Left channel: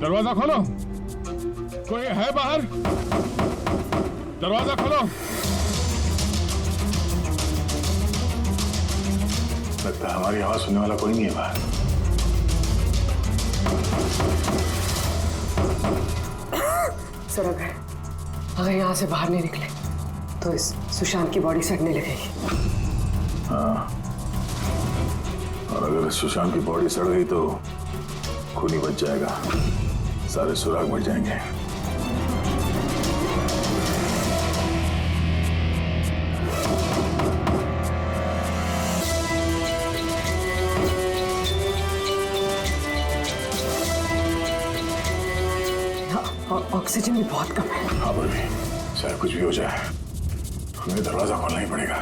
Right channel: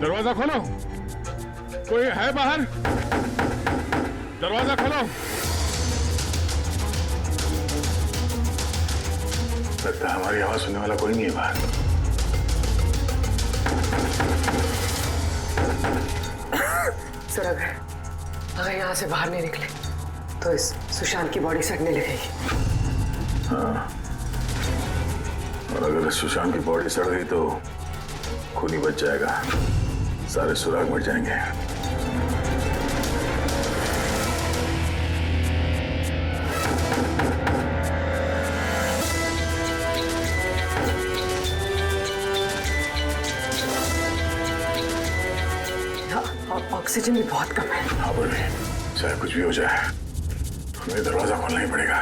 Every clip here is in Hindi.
दरवाजा खोलो, कोई है बाहर? दरवाजा खोलो। लगता है हमारी आवाज सुनने वाला कोई नहीं है बाहर। सर अगर यहाँ से बाहर नहीं निकले तो इस सुशांत की बॉडी सड़ने लगेगी। हाँ, और अगर सुशांत की बॉडी सड़ गई तो खून ही बच जाएगा, सारे सुराग मिट जाएंगे। ऑक्सीजन भी बहुत कम है। हाँ पर भी चाहे कुछ भी हो जाए हमें दरवाजा खोलना ही पड़ेगा।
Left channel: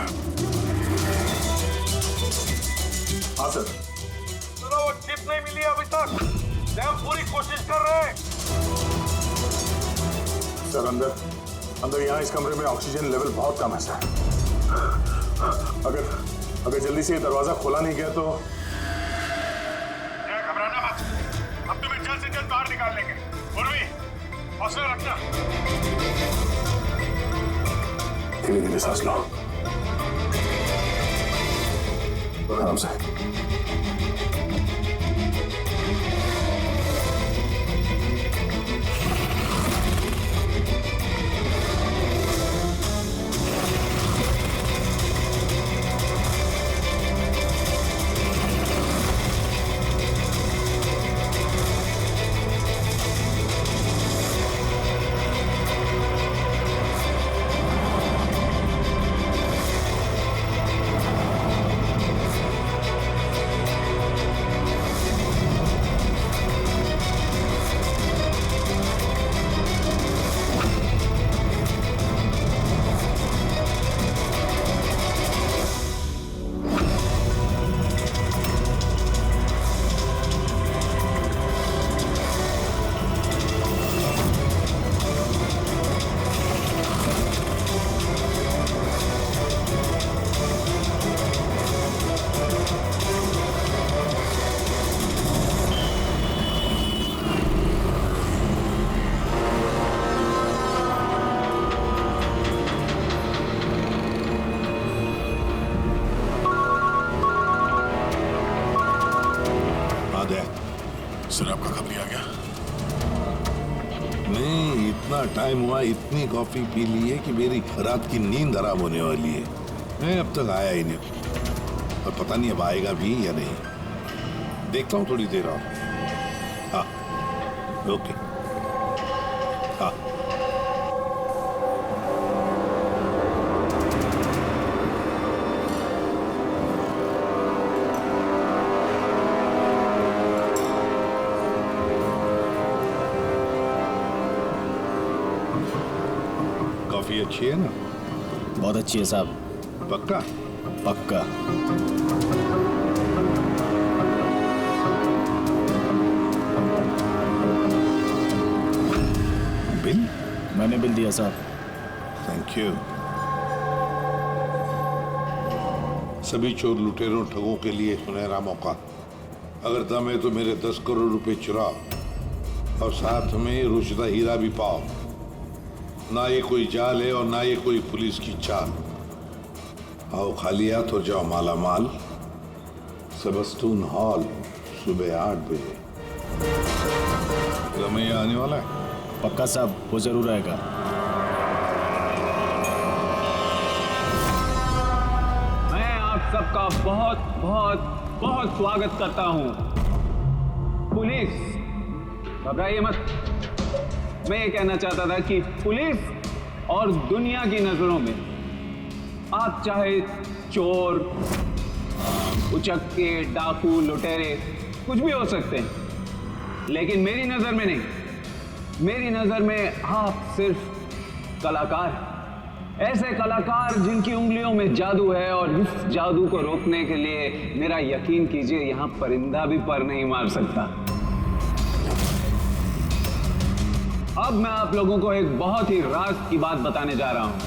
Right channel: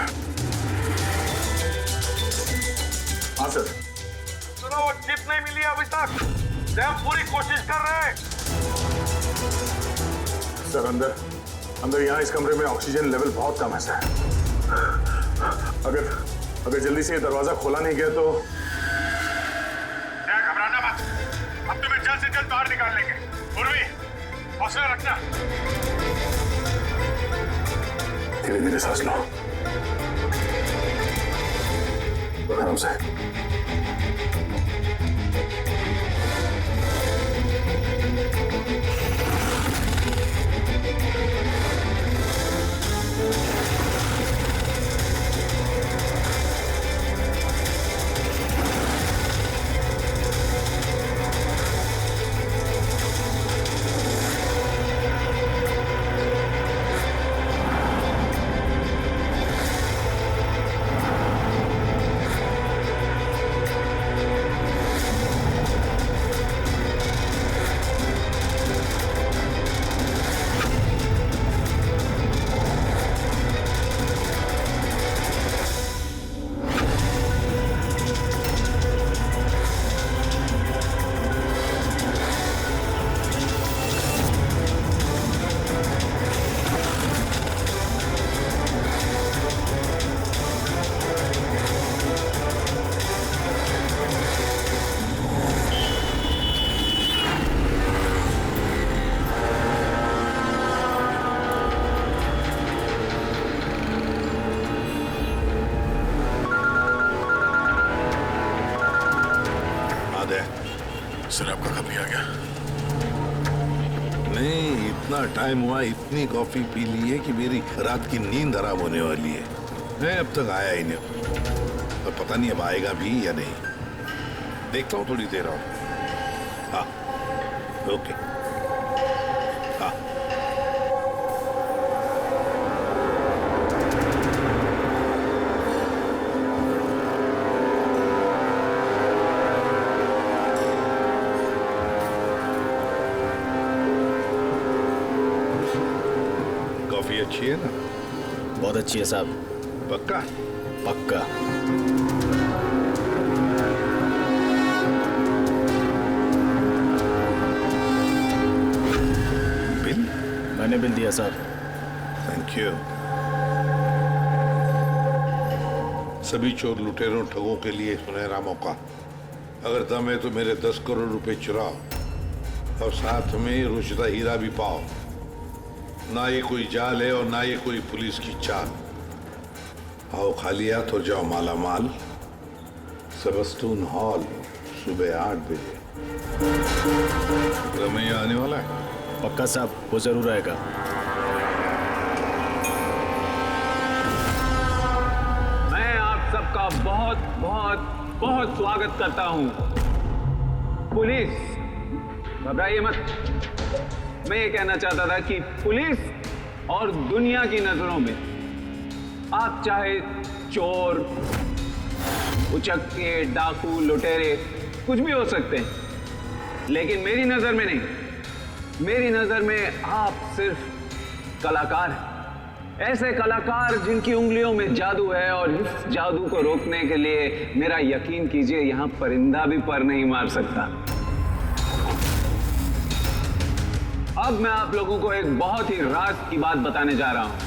हाँ सर। सुनो, वो चिप नहीं मिली अभी तक। हम पूरी कोशिश कर रहे हैं। सर अंदर यहाँ इस कमरे में ऑक्सीजन लेवल बहुत कम है सर। अगर जल्दी से ये दरवाजा खोला नहीं गया तो। घबराना मत, अब तुम्हें जल्द से जल्द बाहर निकाल लेंगे। उर्वी, हौसला रखना। धीरे धीरे सांस लो, आराम से। सर आपका कब भी आ गया? नहीं, इतना टाइम हुआ, इतनी कॉफी पी ली है कि मेरी रात की नींद हराम होने वाली है। मैं अब तक आया ही नहीं, और पता नहीं अब आएगा भी या नहीं। देखता हूँ थोड़ी देर और। हाँ, ओके। हाँ। कॉफी अच्छी है ना? बहुत अच्छी है साहब। पक्का? पक्का। बिल? मैंने बिल दिया साहब। Thank you. सभी चोर लुटेरों ठगों के लिए सुनहरा मौका। अगर दम है तो मेरे 10 करोड़ रुपए चुराओ और साथ में रुचिता हीरा भी पाओ। ना ये कोई जाल है और ना ये कोई पुलिस की चाल। आओ खाली हाथ और जाओ माला माल। सेबस्टून हॉल सुबह 8 बजे। रमैया आने वाला है? पक्का साहब, वो जरूर आएगा। मैं आप सबका बहुत बहुत बहुत स्वागत करता हूं। पुलिस, घबराइए मत। मैं ये कहना चाहता था कि पुलिस और दुनिया की नजरों में आप चाहे चोर, उचक्के, डाकू, लुटेरे कुछ भी हो सकते हैं, लेकिन मेरी नजर में नहीं। मेरी नजर में आप सिर्फ कलाकार हैं। ऐसे कलाकार जिनकी उंगलियों में जादू है, और इस जादू को रोकने के लिए मेरा यकीन कीजिए यहां परिंदा भी पर नहीं मार सकता। अब मैं आप लोगों को एक बहुत ही राज की बात बताने जा रहा हूं।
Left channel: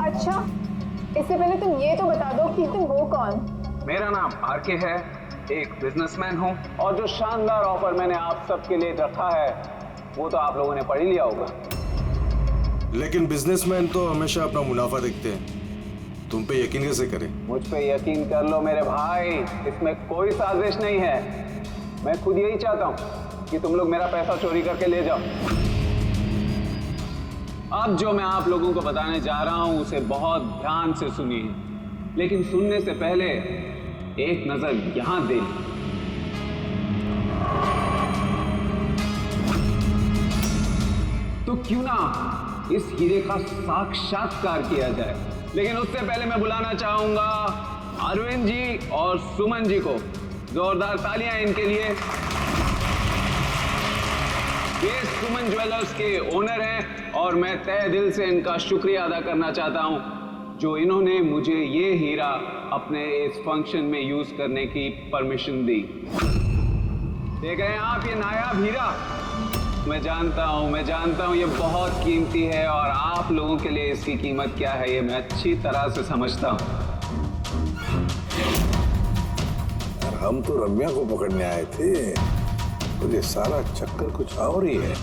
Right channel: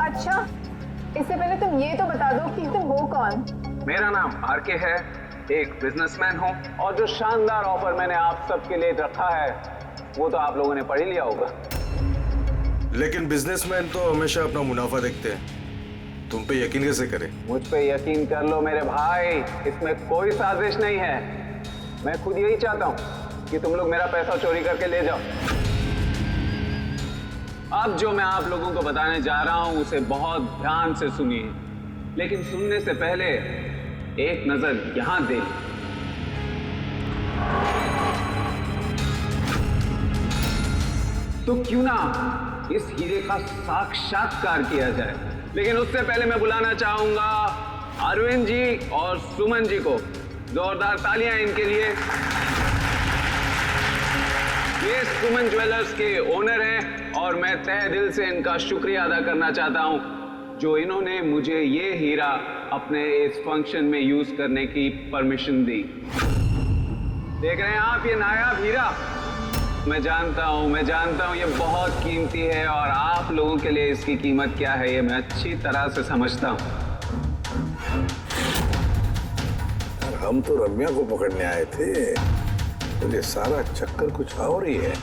अच्छा, इससे पहले तुम ये तो बता दो कि तुम हो कौन। मेरा नाम आरके है, एक बिजनेसमैन हूँ, और जो शानदार ऑफर मैंने आप सबके लिए रखा है वो तो आप लोगों ने पढ़ ही लिया होगा। लेकिन बिजनेसमैन तो हमेशा अपना मुनाफा देखते हैं, तुम पे यकीन कैसे करें? मुझ पे यकीन कर लो मेरे भाई, इसमें कोई साजिश नहीं है। मैं खुद यही चाहता हूँ कि तुम लोग मेरा पैसा चोरी करके ले जाओ। अब जो मैं आप लोगों को बताने जा रहा हूं उसे बहुत ध्यान से सुनिए, लेकिन सुनने से पहले एक नजर यहां दे ली। तो क्यों ना इस हीरे का साक्षात्कार किया जाए। लेकिन उससे पहले मैं बुलाना चाहूंगा अरविंद जी और सुमन जी को। जोरदार तालियां इनके लिए। ये सुमन ज्वेलर्स के ओनर हैं और मैं तहे दिल से इनका शुक्रिया अदा करना चाहता हूं जो इन्होंने मुझे ये हीरा अपने इस फंक्शन में यूज करने की परमिशन दी। देख रहे हैं आप ये नायाब हीरा? मैं जानता हूं ये बहुत कीमती है और आप लोगों के लिए इसकी कीमत क्या है ये मैं अच्छी तरह से समझता हूं। हम तो रम्या को पकड़ने आए थे, तो ये सारा चक्कर कुछ और ही है।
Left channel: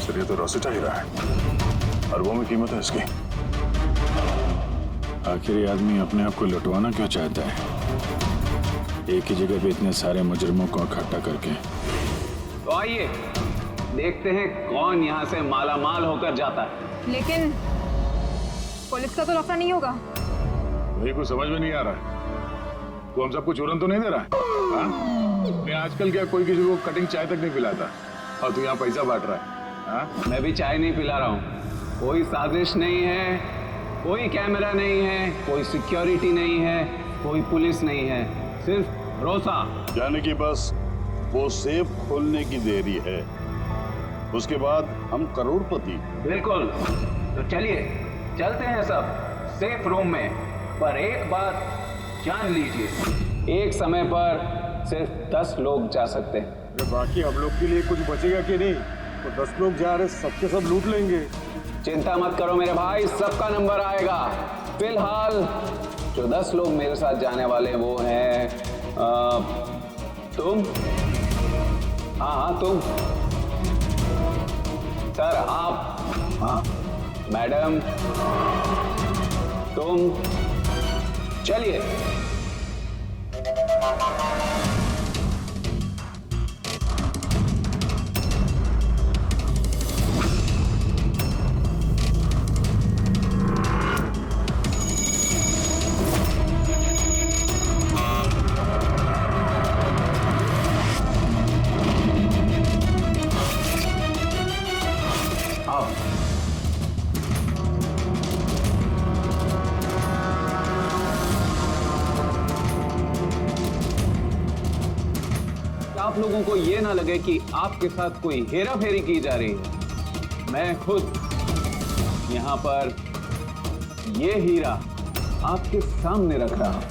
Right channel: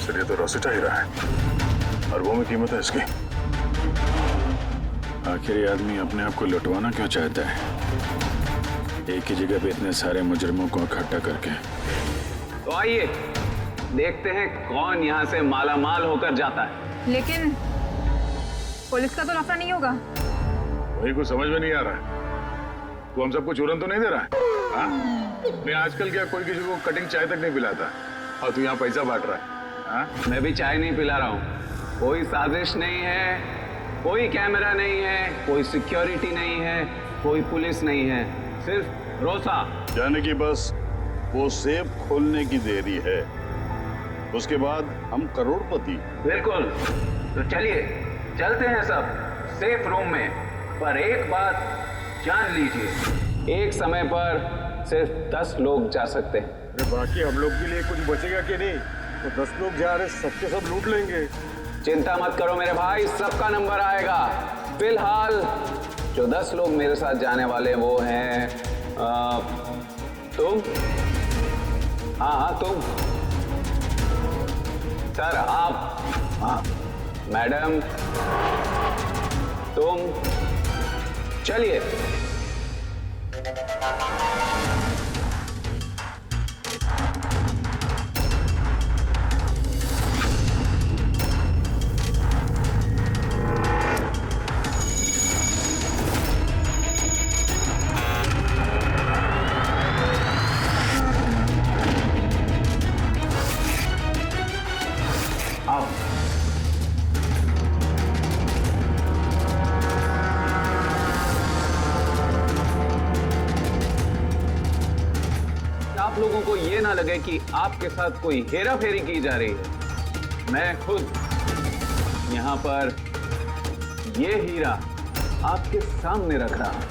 सर ये तो रोसिटा हीरा है, अरबों में कीमत है इसकी। आखिर ये आदमी अपने आप को लुटवाना क्यों चाहता है, एक ही जगह पे इतने सारे मुजरिमों को इकट्ठा करके? तो आइए देखते हैं कौन यहाँ से माला माल होकर जाता है। लेकिन पुलिस का तो लफड़ा नहीं होगा? वही कुछ समझ में नहीं आ रहा है। तू हम सबको चूरन तो नहीं दे रहा है? हाँ? नहीं आजकल क्या कोई किसी को कटिंग चाय तक नहीं पिलाता और तू यहाँ पैसा बांट रहा है? हाँ? मैं भी चाय नहीं पिला रहा हूँ। कोई साजिश नहीं है, कोई कैमरा नहीं है, कोई सिक्योरिटी नहीं है, कोई पुलिस नहीं है, सिर्फ भरोसा। यानी कि बस वो सेफ खोलने की देरी है, उसके बाद हम करोड़पति। बिल्कुल। तो चलिए चलते हैं सब सेफ रूम में। पर एक बात जान लीजिए, एक समय पर सिर्फ 10 लोग जा सकते हैं। अरे बाकी हम लोग के लिए कुछ बचेगा कि नहीं? तो 10 लोग जा रहे, सबके सब लूट लेंगे। चिंता मत करो मेरे भाई, सबका नंबर आएगा। फिलहाल जो 10 लोग मेरे साथ जाने वाले वो हैं तुम। हाँ तुम सर, आप, हाँ मैडम, तुम। चलिए आप आप लोगों को ये ना लगे कि आपके साथ कोई हेरा फेरी की जा रही है। मैं खुद यहां पर ये हीरा आपके सामने रख रहा हूं।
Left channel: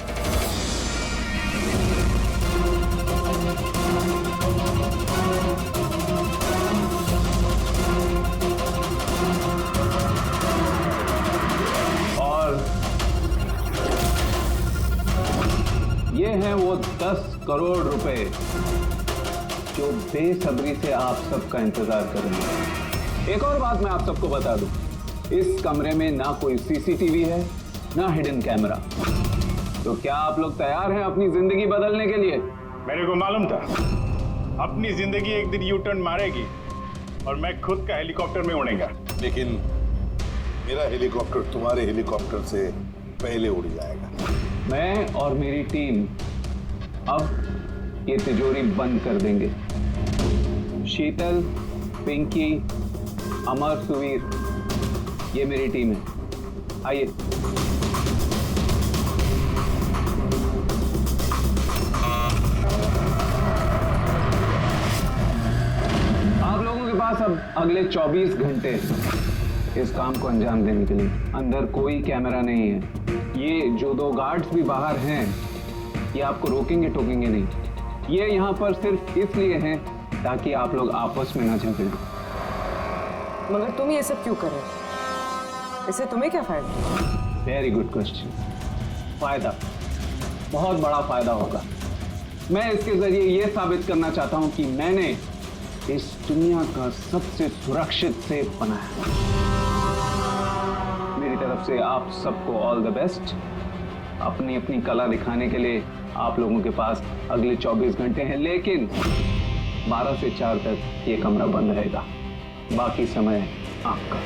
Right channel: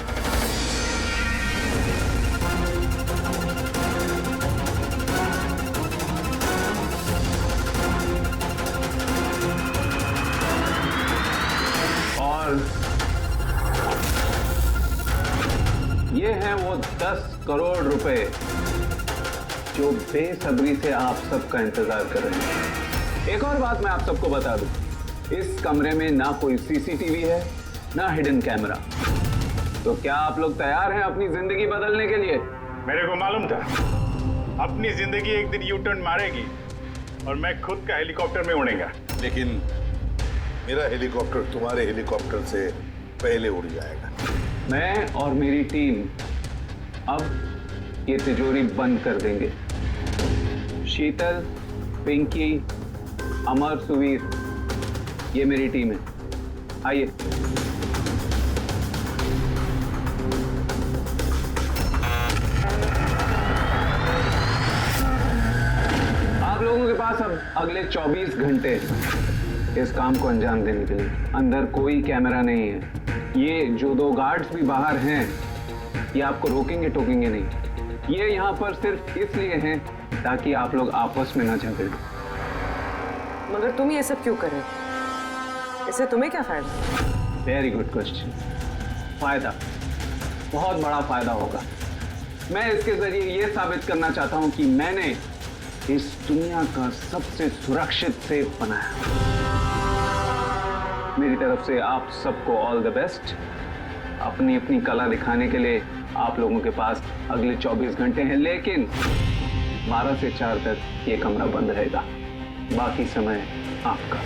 और ये हैं वो 10 करोड़ रुपए जो बेसब्री से आप सबका इंतजार कर रहे हैं। एक और बात मैं आप सबको बता दूं, इस कमरे में ना कोई सीसीटीवी है ना हिडन कैमरा। तो क्या आप लोग तैयार हैं अपनी जिंदगी बदलने के लिए? मेरे को मालूम था अपनी जिंदगी एक दिन यू टर्न मारेगी और मैं खुद का हेलीकॉप्टर में उड़ेगा। लेकिन मेरा हेलीकॉप्टर तुम्हारे हेलीकॉप्टर से पहले उड़ जाएगा। मैं और मेरी टीम अब ये तिजोरी बंद कर देंगे। शीतल, पिंकी, अमर, सुवीर, ये मेरी टीम है। आइए। आप लोगों के पास अब अगले 24 घंटे इस काम को अंजाम देने के लिए। अंदर कोई कैमरा नहीं है। ये जो 2 गार्ड्स भी बाहर हैं ये आपको रोकेंगे टोकेंगे नहीं। ये यहाँ पर सिर्फ इसलिए हैं ताकि आप लोग आपस में ना झगड़ें। मगर तुम ये सब क्यों कर रहे हो? इससे तुम्हें क्या फायदा? Very good question. फायदा, बहुत बड़ा फायदा होगा। मैं इसके जरिए यह साबित करना चाहता हूं कि मैंने इस दुनिया का सबसे सुरक्षित सेफ बनाया। मेरी तरफ से आप सबको ऑल द बेस्ट। अपनी अपनी कला दिखाने के लिए आप लोगों के पास अगले 24 घंटे हैं, लेकिन 12 से 4 तक ये कमरा बंद रहेगा। बाकी समय आपका।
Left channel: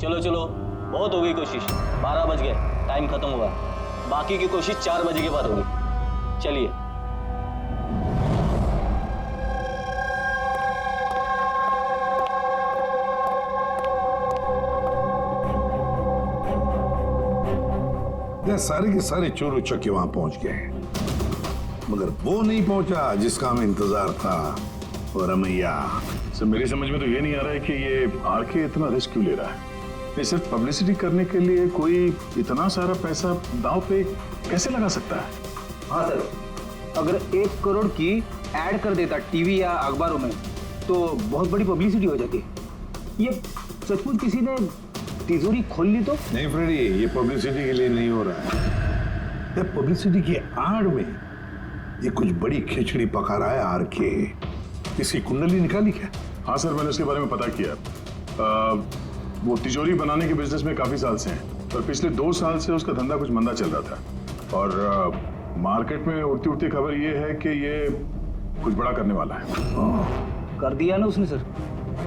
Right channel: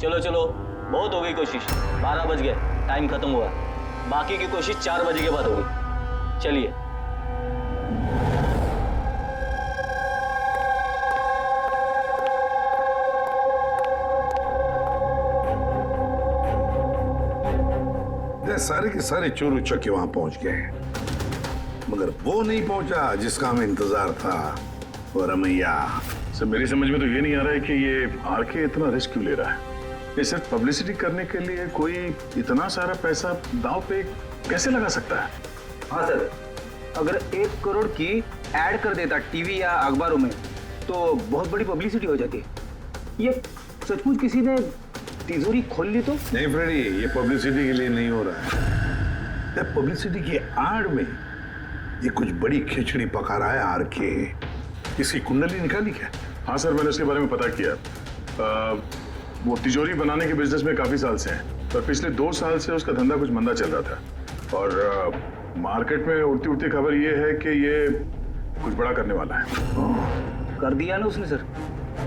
चलो चलो, बहुत हो गई कोशिश। 12 बज गए, टाइम खत्म हुआ। बाकी की कोशिश 4 बजे के बाद होगी। चलिए। सारे के सारे चोर उचक्के वहां पहुंच गए, मगर वो नहीं पहुंचा जिसका हमें इंतजार था, वो रमैया। सर मेरी समझ में तो ये नहीं आ रहा है कि ये आरके इतना रिस्क क्यों ले रहा है। ये सिर्फ पब्लिसिटी करने के लिए कोई इतना सारा पैसा दांव पे कैसे लगा सकता है? हाँ सर, अगर 1 करोड़ की ऐड कर देता टीवी या अखबारों में तो बहुत बड़ी पब्लिसिटी हो जाती। ये सचमुच किसी ने तिजोरी खोल ली तो? नहीं फ्रेडी, ये पब्लिसिटी के लिए नहीं हो रहा है। पब्लिसिटी की आड़ में ये कुछ बड़ी खिचड़ी पका रहा है आरके। इसकी कुंडली निकाली क्या? हाँ सर, मैंने उसके बारे में पता किया। वो तिजोरी बनाने के बिजनेस में काफी साल से हैं, पर पिछले 2 साल से उसका धंधा कुछ मंदा चल रहा था। और मार्केट में उड़ती उड़ती खबर ये है कि ये कुछ बड़ा करने वाला है। कर दिया ना उसने सर।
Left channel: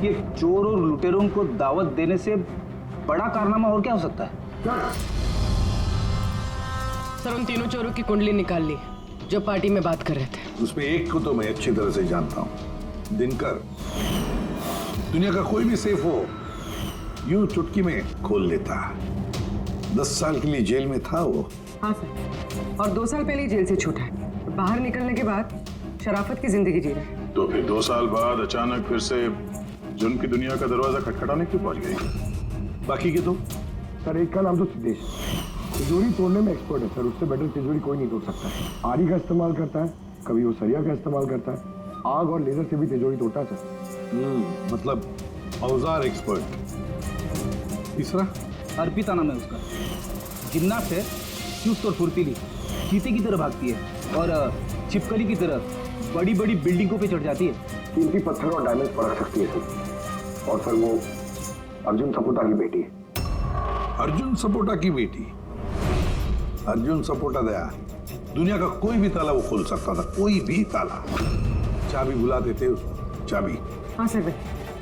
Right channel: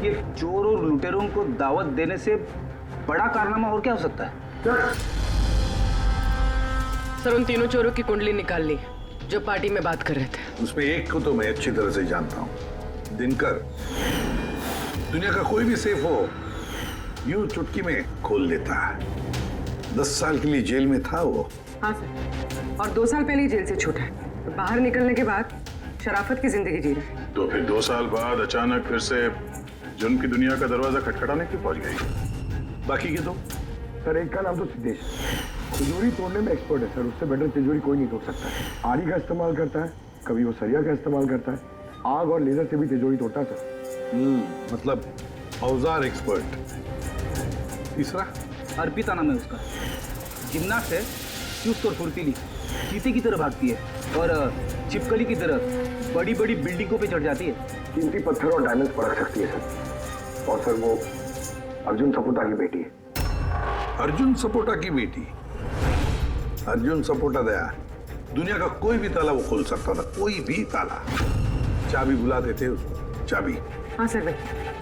ये चोर और लुटेरों को दावत देने से बड़ा कारनामा और क्या हो सकता है? सर उन तीनों चोरों की कुंडली निकाल ली जो पार्टी में बात कर रहे थे। उसमें एक को तो मैं अच्छी तरह से जानता हूं, दिनकर। दुनिया का कोई भी सेफ हो यूं चुटकी में खोल लेता है। 10 साल के लिए जेल में था वो। हाँ सर, और 2 साल पहले ही जेल से छूटा है। बाहर निकलने के बाद शराफत की जिंदगी जी रहा है। तो फिर 2 साल बाद अचानक फिर से जुर्म की दुनिया का दरवाजा खटखटाने क्यों पहुंच गई? बाकी के तो? सर एक का नाम तो सिद्धेश, तिजोरी तोड़ने में एक्सपर्ट है सर। उससे बेटर तिजोरी कोई नहीं तोड़ सकता है। आरी का इस्तेमाल करता है, कभी वो सरिया का इस्तेमाल करता है, आग और लेजर से भी तिजोरी तोड़ता है सर। मतलब औजार एक्सपर्ट। तीसरा? अर्पिता नाम है उसका। जिम्नास्ट है, चुस्त और फुर्तीली, चीते की तरह भागती है और छिपकली की तरह बड़ी बड़ी बिल्डिंगों पे चढ़ जाती है। कीमती पत्थर और डायमंड्स परख सकती है सर। और सर वो अर्जुन सपोटा की बेटी है। अर्जुन सपोटा की बेटी? अर्जुन सपोटा दया दुनिया का कोई भी ताला वो खोल सकता था, कोई भी ताला। चाबी बुलाते थे उसको, चाबी। हाँ सर भाई,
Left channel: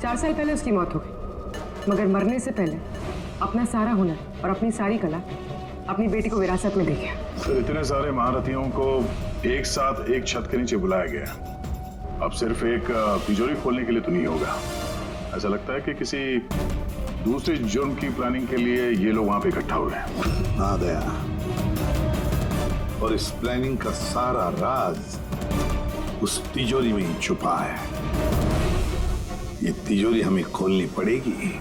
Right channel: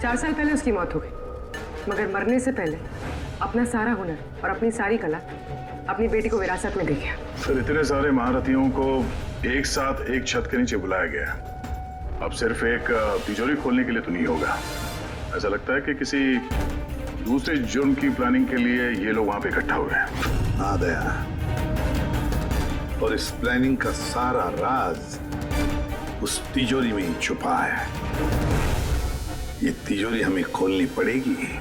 4 साल पहले उसकी मौत हो गई, मगर मरने से पहले अपना सारा हुनर और अपनी सारी कला अपनी बेटी को विरासत में दे गया। सर इतने सारे महारथियों को एक साथ एक छत के नीचे बुलाया गया। अब सिर्फ एक तिजोरी खोलने के लिए तो नहीं होगा। ऐसा लगता है कि किसी दूसरे जुर्म की प्लानिंग के लिए ये लोग वहां पे इकट्ठा हुए हैं। हाँ दया, और इस प्लानिंग का सारा राज उस तिजोरी में ही छुपा है। ये तिजोरी हमें खोलनी पड़ेगी,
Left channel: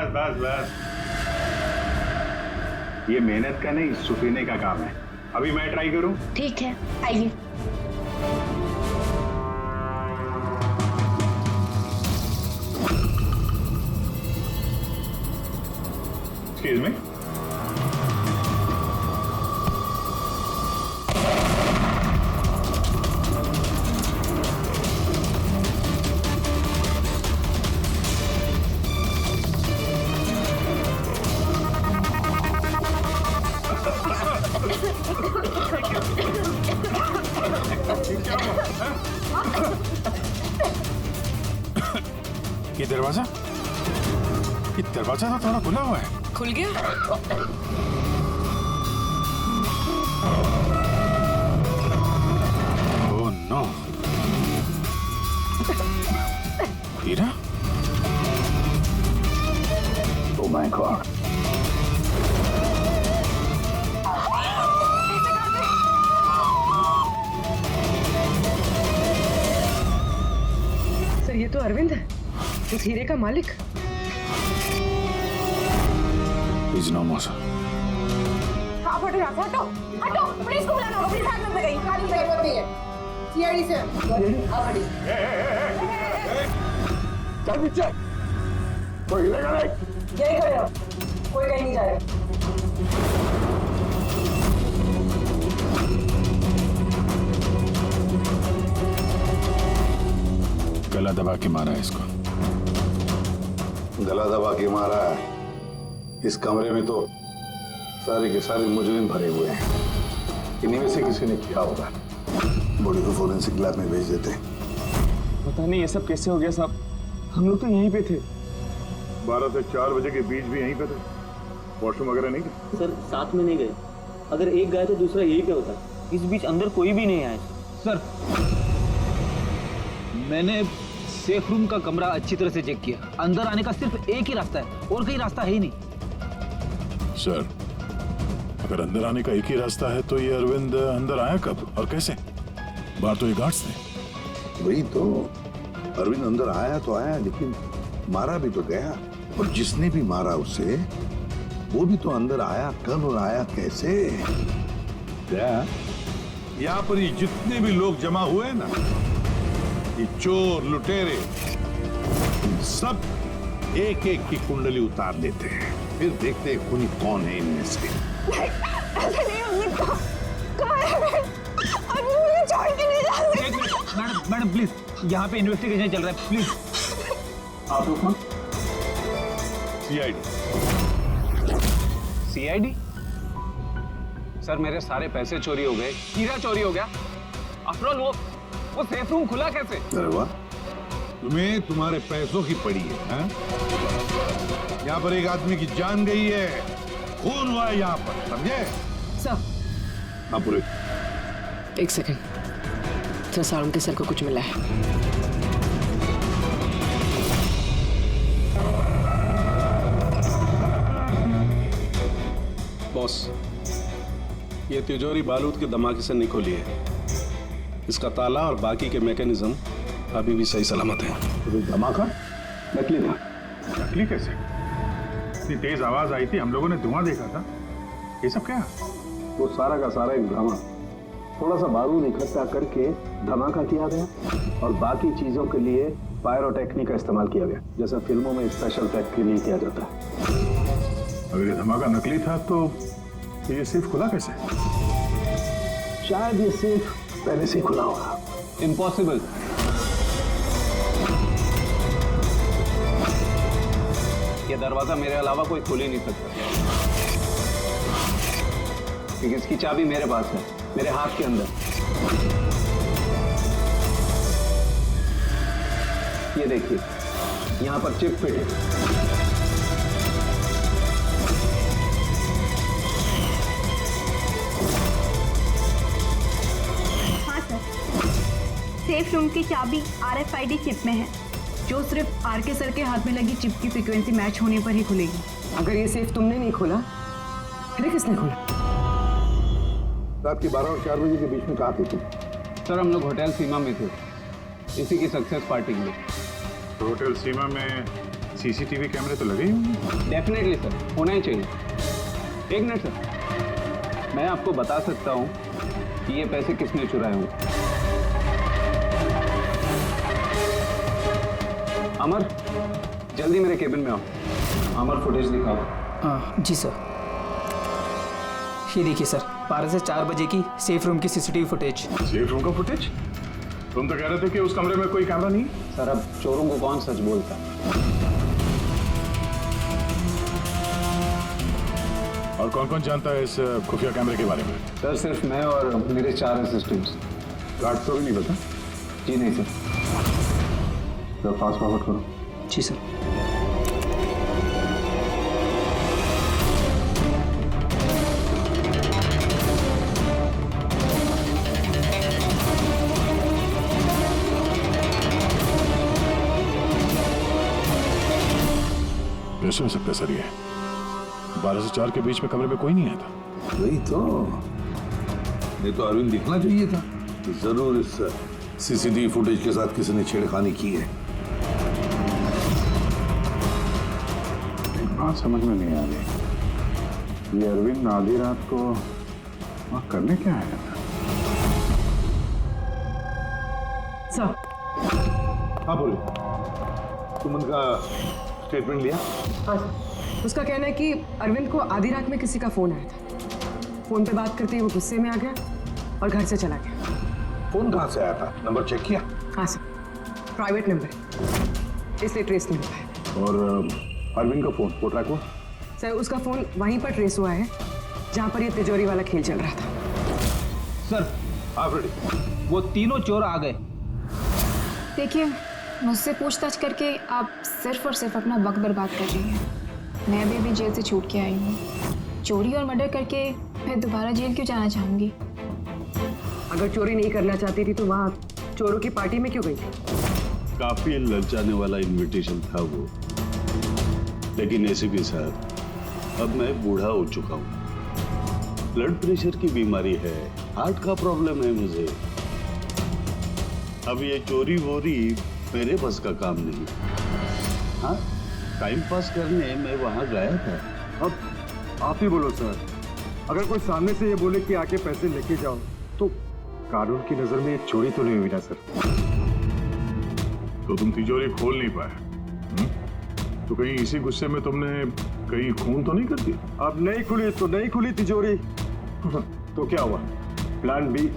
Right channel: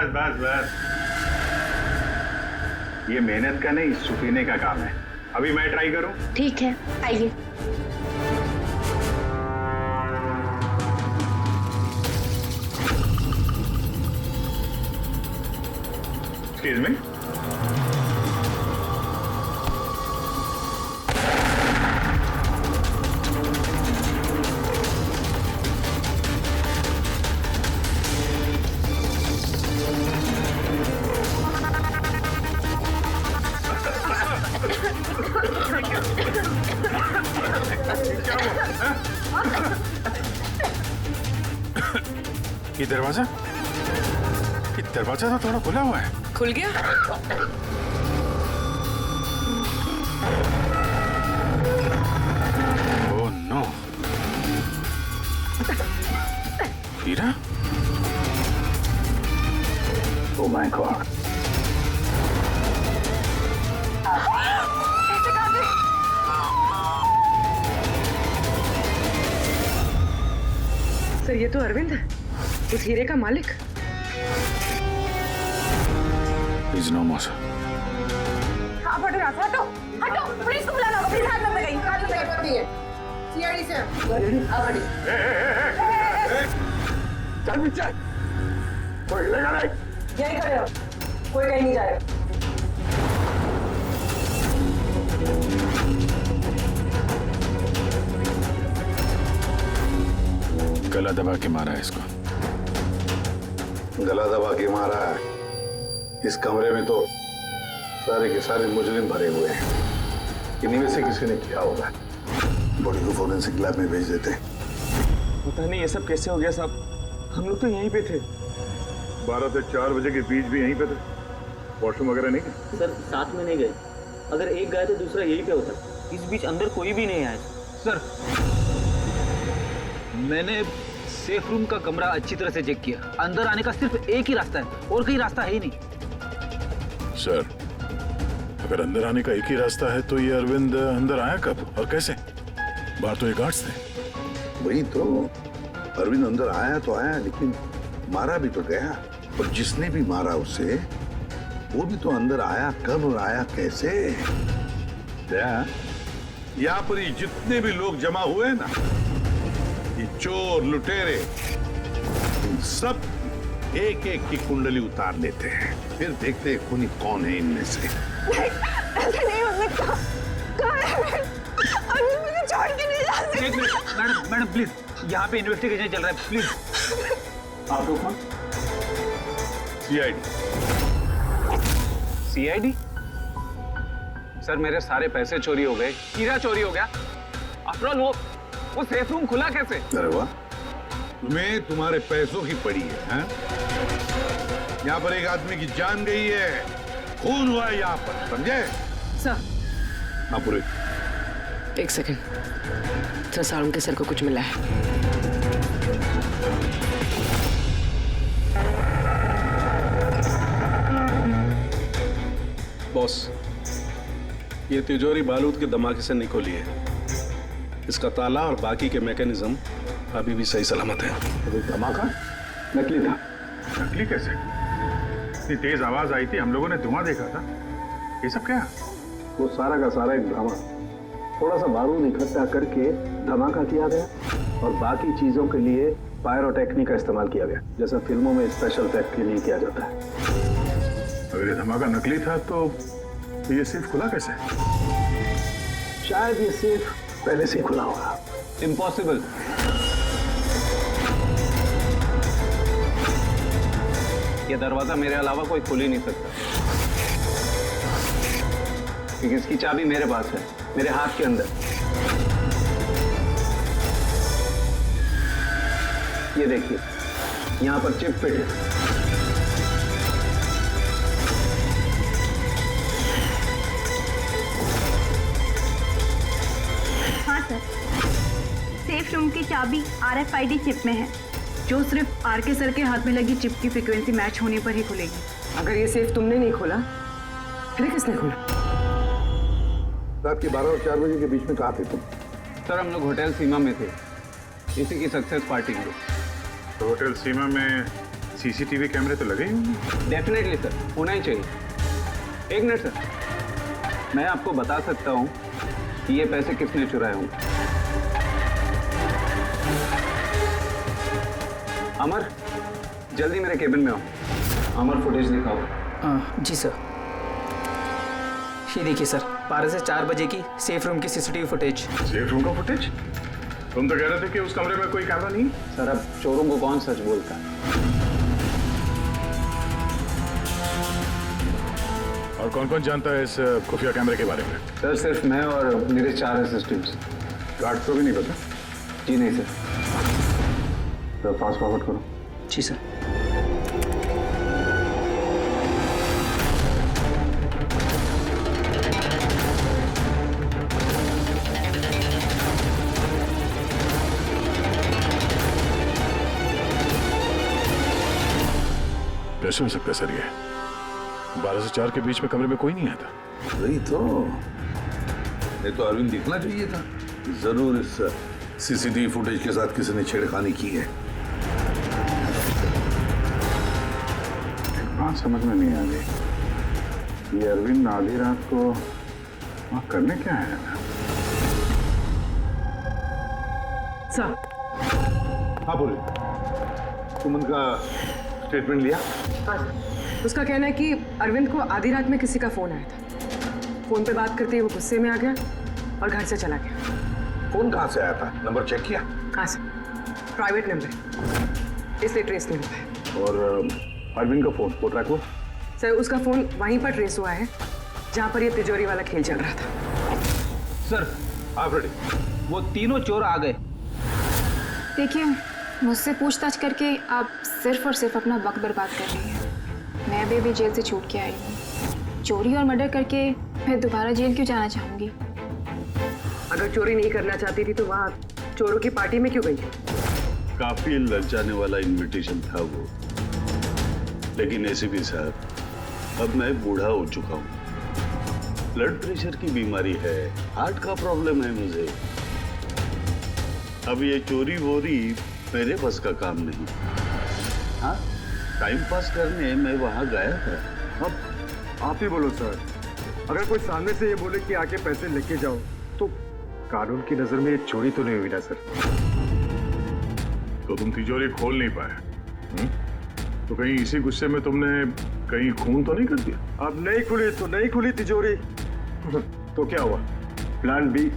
बस बस बस, ये मेहनत का नहीं सुफीने का काम है। अभी मैं ट्राई करूं? ठीक है, आइए। Excuse me. ये दरवाजा तो थोड़ा खुला हुआ है। खुल गया? ओह नो, हीरा? ओह माय गॉड, सर ये तो अरविंद है, उस हीरे का मालिक। Please no more. आप हटो यहाँ से, हटो हटो, पुलिस को बुलाना होगा, पुलिस हाथ में गई, हाथ में जरूरत नहीं है। सीआईडी से आप हटिए। चल पीछे, कोई हिलेगा नहीं। यही खड़े रहो, कोई कहीं नहीं जाएगा। गला दबा के मारा है इसको। गला दबा के मारा है। इस कमरे में तो सारे के सारे मुजरिम भरे हुए हैं। इन्हीं में से किसी ने किया होगा। बॉडी को फोरेंसिक लैब में भेज देते हैं। पता नहीं ये सब कैसे हो गया साहब, हम लोग तो यहीं पे थे। 12 से 4 बजे के बीच भी यहीं पे थे। वॉशरूम वगैरह नहीं गए? सर साथ में नहीं गए, अगर एक गया तो दूसरा यहीं पे होता। इस बीच अंदर कोई भी नहीं आया सर, मैंने सेफ रूम का कमरा अच्छी तरह से चेक किया, अंदर आने का सिर्फ एक ही रास्ता है और कहीं रास्ता है ही नहीं। सर, अगर अंदर आने का एक ही रास्ता है तो ये अरविंद अंदर आया कब और कैसे? बाहर तो ये गार्ड्स थे। वही तो, अरविंद अंदर आया तो आया, लेकिन मारा भी तो गया। और जिसने भी मारा उसे, वो भी तो अंदर आया कब और आया कैसे? यहाँ पर ये जितने भी लोग जमा हुए हैं ना, ये चोर लुटेरे, इन सब एक एक की कुंडली उतार लेते हैं, फिर देखते हैं खूनी कौन है इनमें से। ऐसे नहीं हो सकता। कहाँ है? अभी मुझे छोड़ के नहीं जा सकते। एक मिनट मैडम प्लीज, यहाँ पे इन्वेस्टिगेशन चल रहा है, प्लीज। आप लोग कौन? सीआईडी? सर मेरे सारे पैसे चोरी हो गए, हीरा चोरी हो गया। आफ्टर ऑल वो सेफ रूम खुला कैसे? अरे वाह, तुम्हें तुम्हारे पैसों की पड़ी है? यहाँ पर एक आदमी की जान गई है, खून हुआ है यहाँ पर, समझे? सर, हाँ पूरे। एक सेकंड सर, सारुण के सर को कुछ मिला है। बॉस, ये तिजोरी बारूद के धमाके से नहीं खोली है। इसका ताला और बाकी के मैकेनिज्म अभी भी सही सलामत है। तो धमाका नकली था। नकली कैसे? इतनी तेज आवाज आई थी, हम लोगों ने धुआं देखा था। ये सब क्या? वो सारा का सारा एक ड्रामा। थोड़ा सा बारूद इकट्ठा करके धमाका किया गया और बाकी चीजों के लिए पायरोटेक्निक का इस्तेमाल किया गया, जैसा फिल्मों में स्पेशल इफेक्ट के लिए किया जाता है। अगर ये धमाका नकली था तो ये सेफ खुला कैसे? शायद ये सेफ पहले से ही खुला होगा। इम्पॉसिबल। ये दरवाजा मेरे अलावा कोई खोल ही नहीं सकता, क्योंकि इसकी चाबी मेरे पास है, मेरे हाथ के अंदर। ये देखिए, यहां पर चिप फिट है। हाँ सर, सेफ रूम की चाबी RFID चिप में है, जो सिर्फ आरके सर के हाथ में लगी चिप की फ्रीक्वेंसी मैच होने पर ही खुलेगी। अगर ये सेफ तुमने नहीं खोला, फिर किसने खोला? रात के 12 और 4 बजे के बीच में कहाँ थे तुम? सर हम लोग होटल सीमा में थे, इसी की सक्सेस पार्टी के लिए। तो होटल सीमा में सीसीटीवी कैमरे तो लगे ही होंगे। डेफिनेटली सर, होना ही चाहिए। एक मिनट सर, मैं आपको बता सकता हूँ कि ये पैसे किसने चुराए होंगे। अमर, जल्दी मेरे केबिन में आओ। अमर, फुटेज दिखाओ। जी सर। ये देखिए सर, 12 से 4 बजे की सेफ रूम की सीसीटीवी फुटेज। सेफ रूम का फुटेज? तुम तो कह रहे थे कि उस कमरे में कोई कैमरा नहीं। सर, अब चोरों को कौन सच बोलता है? और कौन कौन जानता है इस खुफिया कैमरे के बारे में? सर, सिर्फ मैं और मेरे 4 असिस्टेंट्स। गार्ड को भी नहीं पता? जी नहीं सर। तो फास्ट फॉरवर्ड करो। जी सर। कैसे हो सकता है सर? ये 12 से 4 के बीच में कमरे में कोई नहीं आया था। वही तो, नहीं तो अरविंद दिखना चाहिए था। जरूर इस सीसीटीवी फुटेज के साथ किसी ने छेड़खानी की है। एक बात समझ में नहीं आ रही, ये अरविंद आधी रात को वहां करने क्या आया था? सर। हाँ बोले, तुम उनका स्टेटमेंट लिया? हाँ सर। उसका कहना है कि अरविंद को आधी रात में किसी का फोन आया था। फोन पे बात करते ही वो गुस्से में आ गया और घर से चला गया। फोन कहाँ से आया था? नंबर चेक किया? हाँ सर, प्राइवेट नंबर है, इसलिए ट्रेस नहीं हो पाया। और अरविंद का फोन, वो ट्रैक हुआ? सर, उसका फोन वहीं पर ट्रेस हुआ है जहां पर ये तिजोरी वाला खेल चल रहा था। सर, हाँ फ्रेडी, वो तीनों चोर आ गए। देखिए, मुझसे पूछताछ करके आप सिर्फ और सिर्फ अपना वक्त बर्बाद कर रही हैं। मैं अभी जेल से छूट के आई हूँ। चोरी और मर्डर करके मैं दोबारा जेल क्यों जाना चाहूँगी? अगर चोरी नहीं करना चाहती थी तो वहाँ चोरों की पार्टी में क्यों गई? काफी ललचाने वाला इनविटेशन था वो, लेकिन एसीपी साहब, अब मैं बूढ़ा हो चुका हूँ। ब्लड प्रेशर की बीमारी है, हार्ट का प्रॉब्लम है मुझे। अब ये चोरी वोरी मेरे बस का काम नहीं। हाँ, टाइम पास करने मैं वहां गया था। अब आप ही बोलो सर, अगर कोई सामने से ये बोले कि आके पैसे लेके जाओ, तो कानून की नजर में ये चोरी तो नहीं हुई ना सर? तो तुम तिजोरी खोल नहीं पाए? तो कहीं इसी गुस्से में तुमने कहीं खून तो नहीं कर दिया? अब नहीं खुली तो नहीं खुली तिजोरी। तो क्या हुआ? Plan B.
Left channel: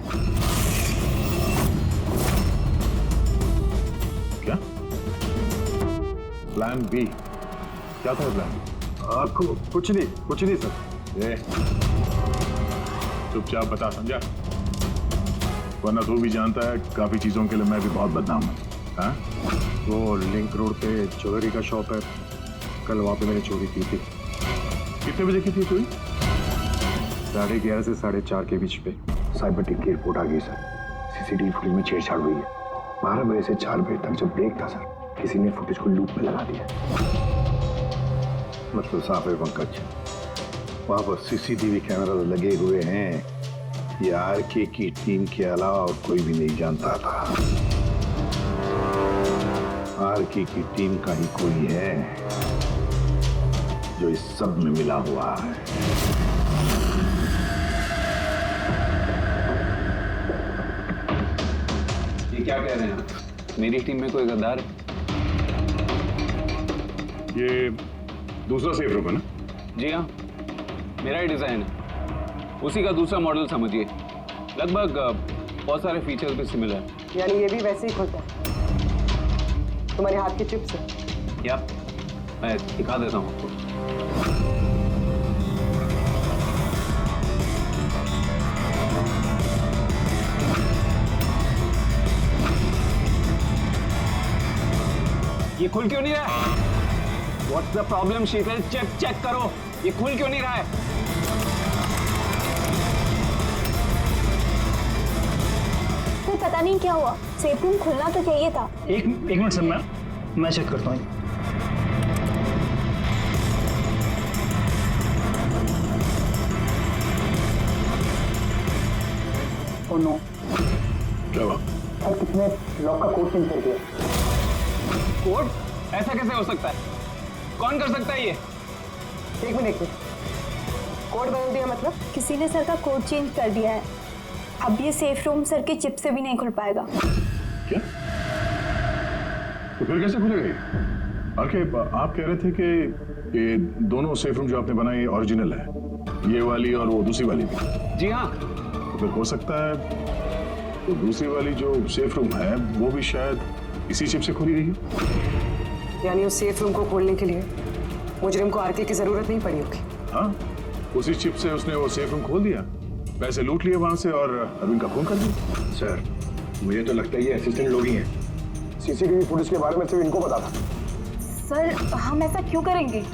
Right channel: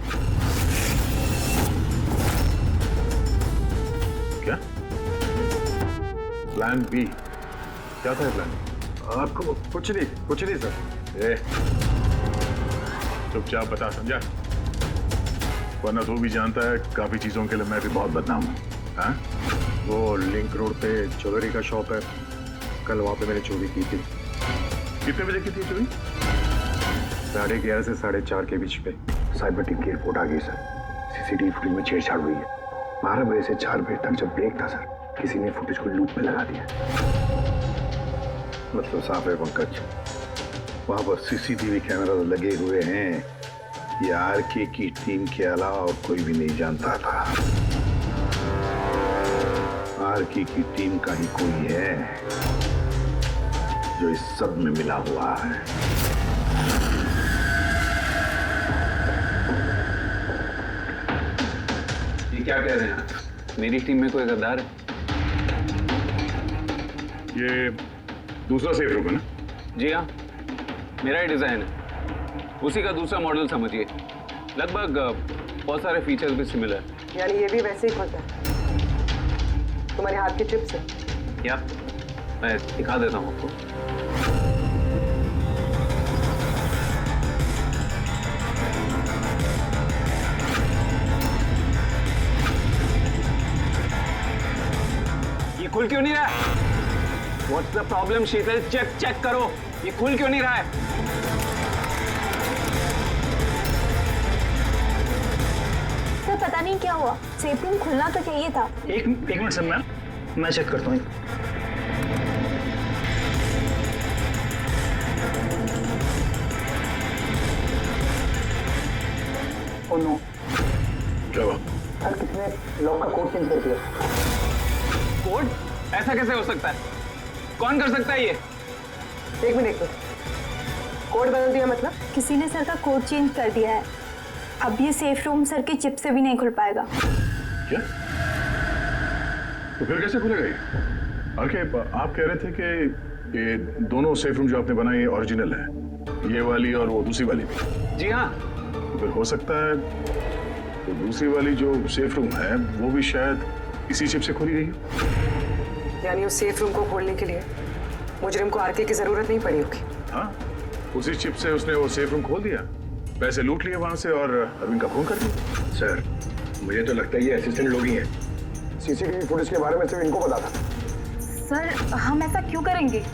क्या प्लान बी? क्या था प्लान बी? आपको कुछ नहीं सर। चुपचाप बता, समझा? वरना तू भी जानता है काफी चीजों के लिए मैं भी बहुत बदनाम हूँ। हाँ? वो लिंक रोड पे ज्वेलरी का शॉप है, कल वहां पे मैंने चोरी की थी। कितने बजे की थी चोरी? 11:30 से 4:30 के बीच पे। साइबर टीम की रिपोर्ट आ गई सर, सीसीटीवी फुटेज में छेड़छाड़ हुई है। 12 बजे से 4 बजे तक जब ब्रेक था सर, किसी ने फुटेज को लूप में लगा दिया। मतलब साफ है पंकज, वहां पर सीसीटीवी कैमरा लगे हुए हैं। ये आरके की टीम के अलावा और कोई भी नहीं जानता था। आरके की टीम का ही कोई है जो इस सब में मिला हुआ है। ये क्या कह रहे हैं आप? मेरी टीम में कोई गद्दार है? ये दूसरा सेफ रूम है ना? जी हाँ, मेरा ही डिजाइन है, उसी का दूसरा मॉडल समझिए। लगभग बहुत सारे फीचर्स भी सिमिलर है। यानी ये भी वैसे ही खुलता है तुम्हारे हाथ के चिप से? या मैं दिखा देता हूँ आपको। ये खुल क्यों नहीं रहा है? What's the problem, Sheetal? Check करो, ये खुल क्यों नहीं रहा है? तो पता नहीं क्या हुआ, सेफ रूम खुलना तो चाहिए था। एक मिनट सर, मैं चेक करता हूँ। ओ नो, क्या हुआ? सर किसने लॉक का कोड चेंज कर दिया? कोड? ऐसा कैसे हो सकता है? कौन कर सकता है ये? एक मिनट कोड बदल दिया मतलब? किसी ने सर का कोड चेंज कर दिया है। अब ये सेफ रूम सर के चिप से भी नहीं खुल पाएगा। क्या? तो फिर कैसे खुलेगा ये? आरके, आप कह रहे थे कि ये दोनों सेफ रूम जो आपने बनाए ओरिजिनल है, ये वाली और वो दूसरी वाली भी? जी हाँ। तो फिर हो सकता है तो दूसरी वाली जो सेफ रूम है वो भी शायद इसी चिप से खोली गई हो। यानी उस सेफ रूम को खोलने के लिए मुजरिम को आरके की जरूरत नहीं पड़ी होगी। हाँ, उसी चिप से उसने वो सेफ रूम खोल दिया, पैसे लूट लिए वहां से और अरविंद का खून कर दिया। सर, मुझे तो लगता है ये असिस्टेंट लोग ही हैं। सीसीटीवी फुटेज के बारे में सिर्फ इनको पता था। सर, हम ऐसा क्यों करेंगे?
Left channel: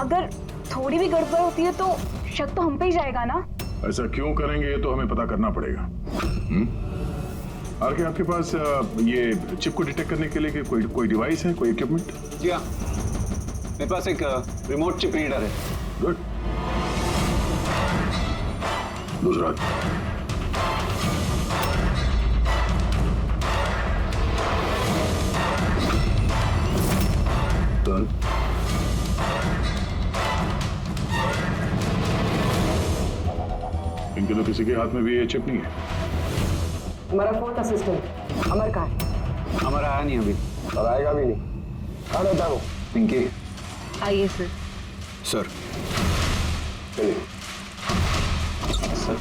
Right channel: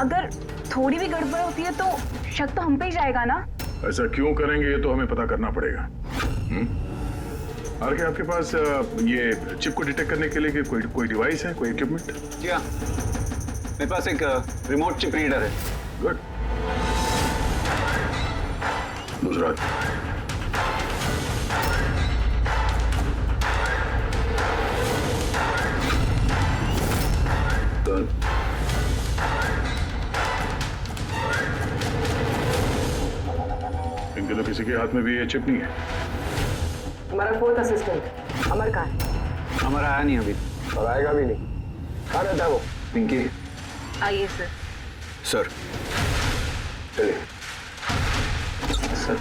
अगर थोड़ी भी गड़बड़ होती है तो शक तो हम पे ही जाएगा ना। ऐसा क्यों करेंगे ये तो हमें पता करना पड़ेगा। आरके, आपके पास ये चिप को डिटेक्ट करने के लिए कोई डिवाइस है, कोई इक्विपमेंट? जी हाँ, मेरे पास एक रिमोट चिप रीडर है। गुड। दूसरा डन। इनके तो किसी के हाथ में भी ये चिप नहीं है। हमारा फोर्थ असिस्टेंट अमर कहाँ है? अमर आया नहीं अभी और आएगा भी नहीं। कहाँ रहता है वो? पिंकी। आइए सर। सर चलिए। सर,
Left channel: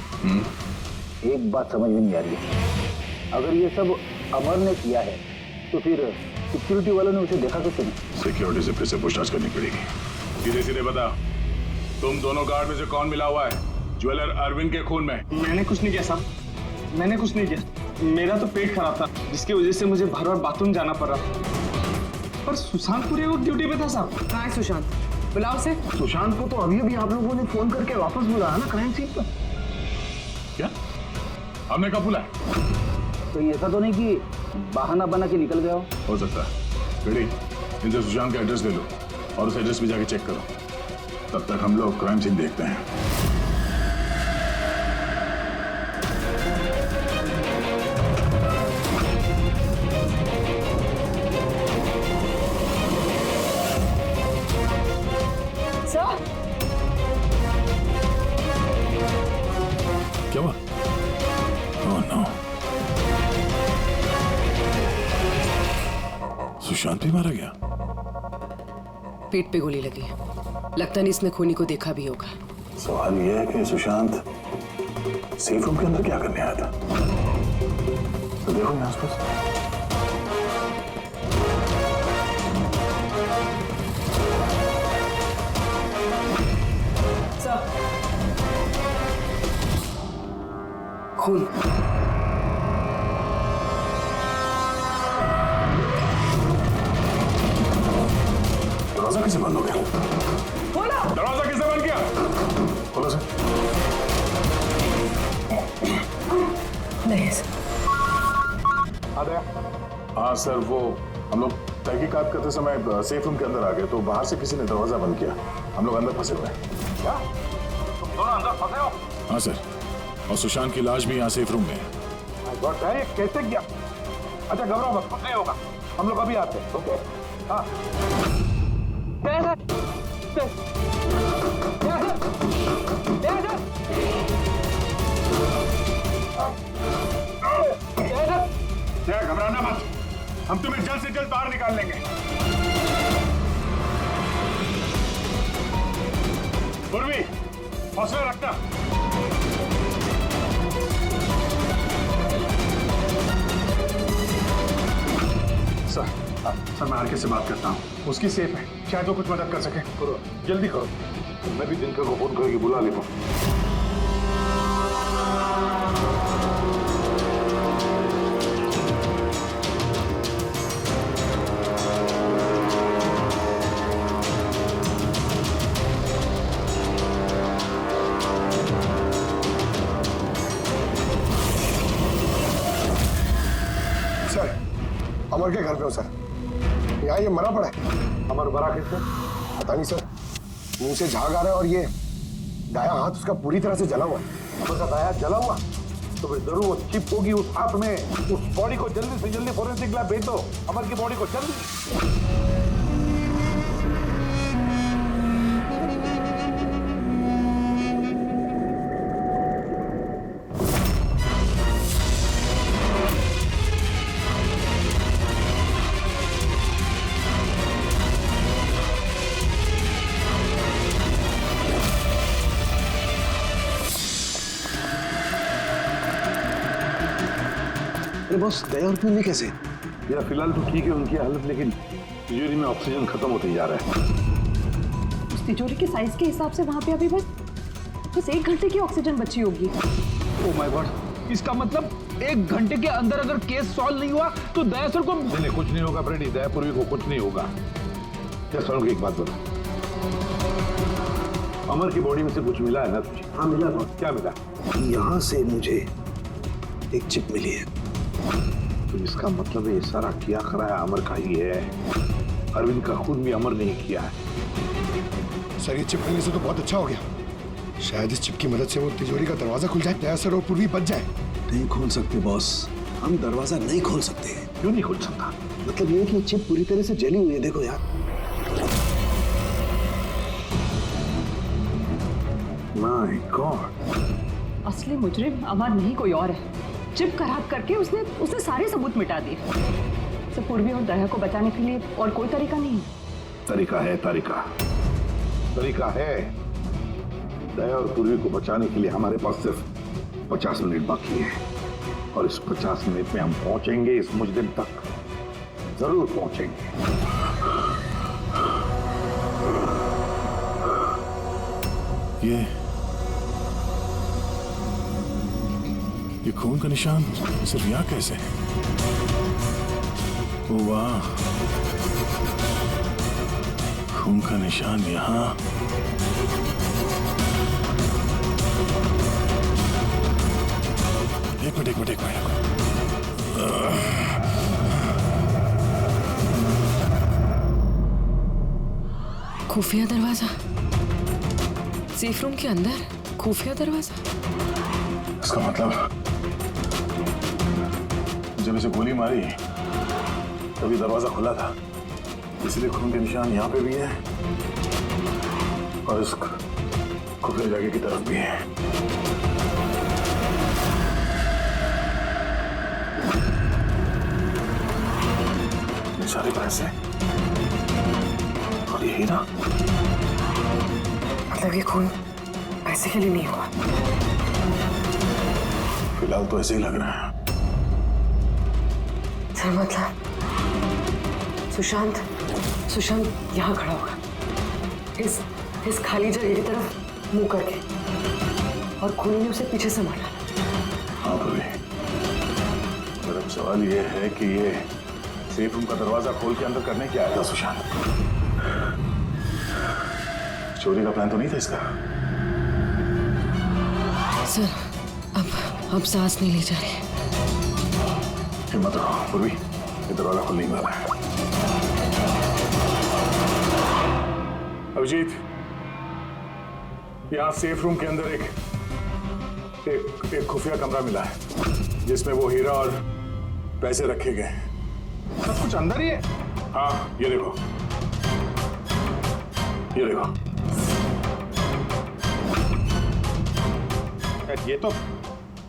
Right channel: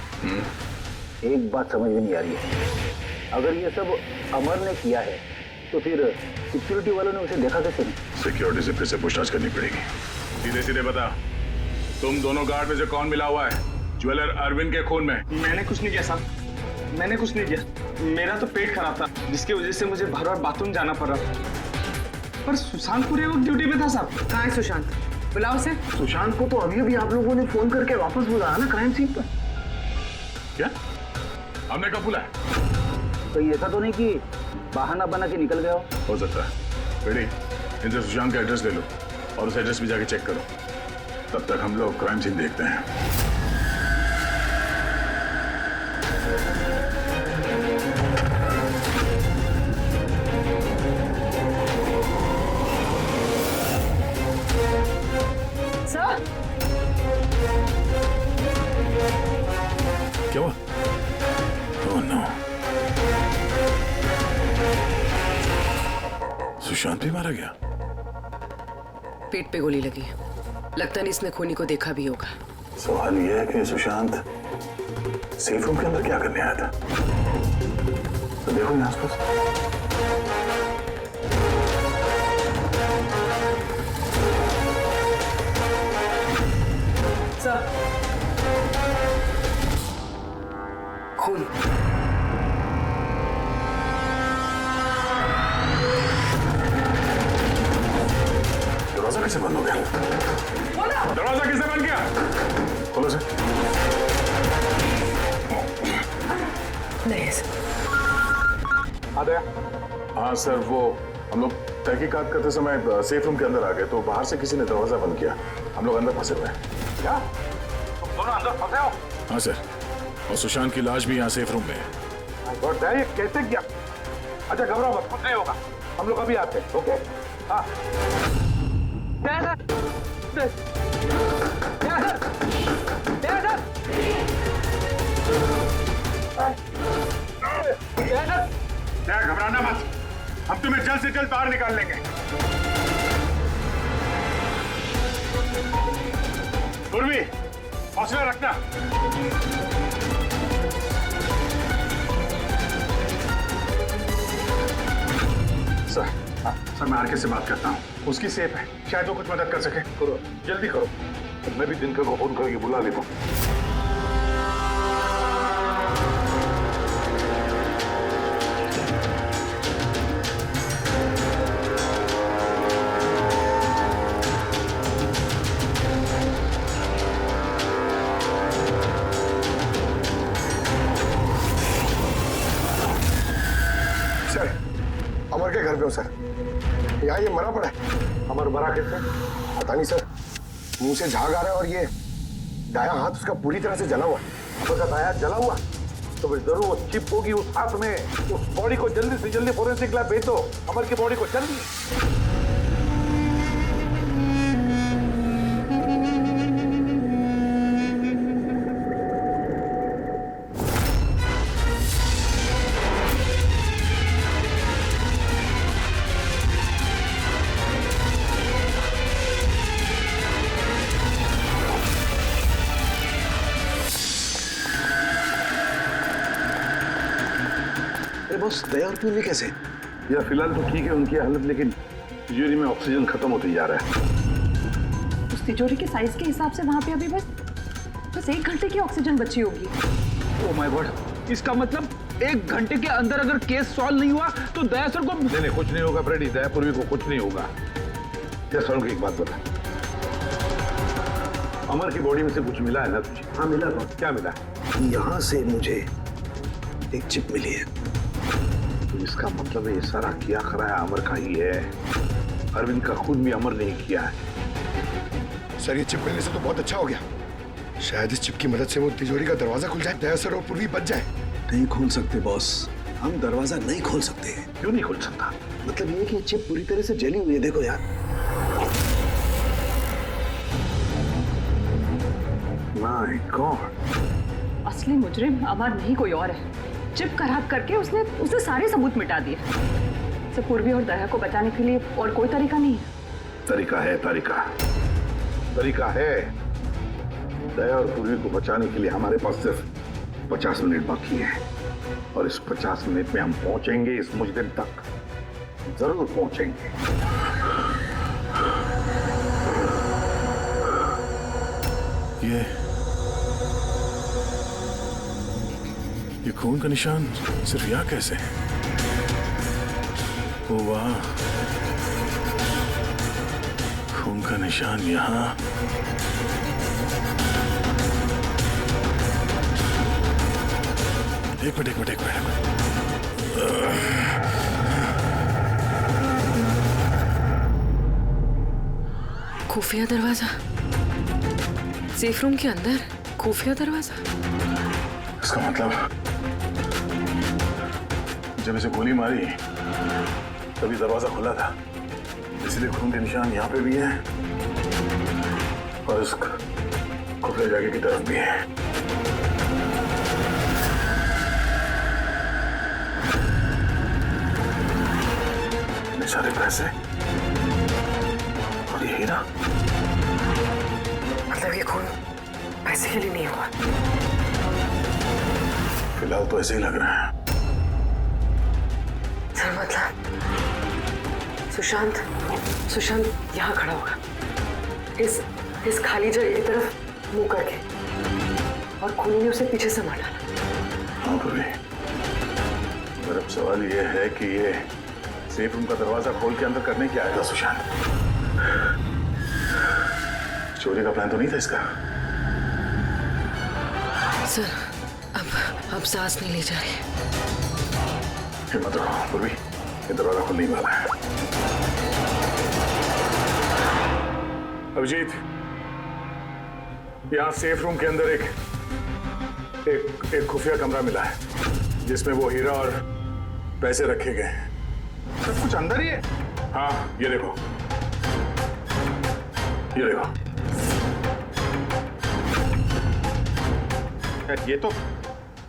एक बात समझ में नहीं आ रही है। अगर ये सब अमर ने किया है तो फिर सिक्योरिटी वालों ने उसे देखा कैसे नहीं? सिक्योरिटी से फिर से पूछताछ करनी पड़ेगी। सीधे सीधे बता, तुम दोनों गार्ड में से कौन मिला हुआ है ज्वेलर अरविंद के खून में? मैंने कुछ नहीं किया साहब, मैंने कुछ नहीं किया। मेरा तो पेट खराब था जिसकी वजह से मुझे बार बार बाथरूम जाना पड़ रहा। पर सुशांत पूरे वक्त ड्यूटी पे था साहब। कहाँ है सुशांत? बुलाओ उसे। सुशांत को तो अभी अभी आप लोगों ने फोन करके वापस बुलाया ना क्राइम सीन पर। क्या? हमने कब बुलाया? तो ऐसा तो नहीं कि बहाना बना के निकल गया हो सकता है। बेटी, इनसे सुशांत का एड्रेस ले लो और उस एड्रेस पे जाके चेक करो। तब तक हम लोग क्राइम सीन देखते हैं। सर, क्या हुआ? ओह नो, सुशांत भी मारा गया। पेट पे गोली लगी है। लगता नहीं इसने खूनी को देखा भी होगा। सवाल यह है कि सुशांत सेफ रूम के अंदर क्या करने आया था? तो देखो यहाँ आसपास। सर, खून। दरवाजा कैसे बंद हो गया? दरवाजा किसने बंद किया? खोलो सर। नहीं सर। आ गया? हाँ सर, वो हम लोग तहकीकात करते समय सेफ रूम के अंदर आ गए तो बाहर से किसी ने दरवाजा बंद किया। हम लोग अंदर फंसे हुए हैं। क्या तुम दोनों अंदर फंसे हो? हाँ सर, और सुशांत की लाश भी यहाँ सेफ रूम में है। ये कैसे किया? अच्छा घबराओ मत, कुछ नहीं होगा, हम लोग अभी आते हैं। ओके? हाँ घबराना मत, हम तुम्हें जल्द से जल्द बाहर निकाल लेंगे। पूर्वी, हौसला रखना। सर मैं आरके से बात करता हूँ, उसकी सेफ है, शायद वो कुछ मदद कर सके। करो, जल्दी करो। तो मैं भी दिनकर को फोन करके बुला लेता हूँ। सर, अमर के घर पे हो सर। यहाँ ये मरा पड़ा है। अमर मरा कैसे? पता नहीं सर, मुंह से झाग आ रहा है और ये दायां हाथ उसका पूरी तरह से जला हुआ है। अमर का दायां जला हुआ? तो फिर जरूर वो चिप होगी उस हाथ में। उस बॉडी को जल्दी से जल्दी फोरेंसिक लैब भेज दो, अमर की बॉडी को जल्दी। अरे बॉस, दया और पूर्वी कैसे? यार फिलहाल तो ठीक है उनकी हालत, लेकिन तिजोरी में ऑक्सीजन खत्म होते जा रहा है। उस तिजोरी के साइज के हिसाब से वहां पे अभी बस 1 घंटे की ऑक्सीजन बची होगी। ओ माय गॉड, इसका मतलब 1 घंटे के अंदर अगर केस सॉल्व नहीं हुआ तो दया सर को नहीं कुछ नहीं होगा फ्रेडी, दया पूर्वी को कुछ नहीं होगा। क्या सर को एक बात बता, अमर की बॉडी में से कुछ मिला है ना तुझे? हाँ मिला बॉस। क्या मिला? यहाँ से मुझे एक चिप मिली है। तो इसका मतलब ये सारा किया कराया अमर का ही है। अरविंद का खून भी अमर नहीं किया है। सर ये चिप मिलने से तो बहुत अच्छा हो गया। शायद इस चिप की मदद से वो तिजोरी का दरवाजा खुल जाए, दया सर और पूर्वी बच जाए। नहीं खोल सकते बॉस, हम दरवाजा नहीं खोल सकते। क्यों नहीं खोल सकता? मतलब ये कि चिप पूरी तरह से जली हुई है, देखो यार। माय गॉड, असली मुजरिम अमर नहीं कोई और है। चिप खराब करके उसने सारे सबूत मिटा दिए। से पूर्वी और दया को बचाने के लिए और कोई तरीका नहीं है। तरीका है, तरीका है। दया और पूर्वी को बचाने के लिए हमारे पास सिर्फ 50 मिनट बाकी है, और इस 50 मिनट में हम पहुंचेंगे इस मुजरिम तक, जरूर पहुंचेंगे। ये खून का निशान सिर्फ यहाँ कैसे? ओ वाह, खून का निशान यहाँ। एक मिनट। खुफिया दरवाजा, सेफ रूम के अंदर खुफिया दरवाजा। इसका मतलब जब इसे गोली मारी तभी दरवाजा खुला था, इसलिए खून के निशान यहाँ पे भी है और इस खुफिया जगह की तरफ भी है। इतने सारे पैसे और ये हीरा, मतलब ये खून पैसे के लिए नहीं हुआ। फिलहाल तो ऐसे ही लग रहा है। सर मतलब सुशांत यहाँ खड़ा होगा, इस खाली जगह की तरफ मुंह करके, और खूनी ने उसे पीछे से मार डाला। हाँ पूर्वी, मगर अब सवाल ये है कि ये सेफ रूम का दरवाजा खोल के अंदर करने क्या आया था सुशांत? चोरी का प्लान तो नहीं था इसका? सर अब सांस नहीं ली जा रही। हिम्मत रखो पूर्वी, ये दरवाजा खुलने वाला है। अभिजीत, यहाँ सेफ रूम के अंदर एक खुफिया कमरा मिला है जिसमें वो हीरा और पैसे रखे गए हैं। सब कुछ अंदर ही है? हाँ, ये देखो।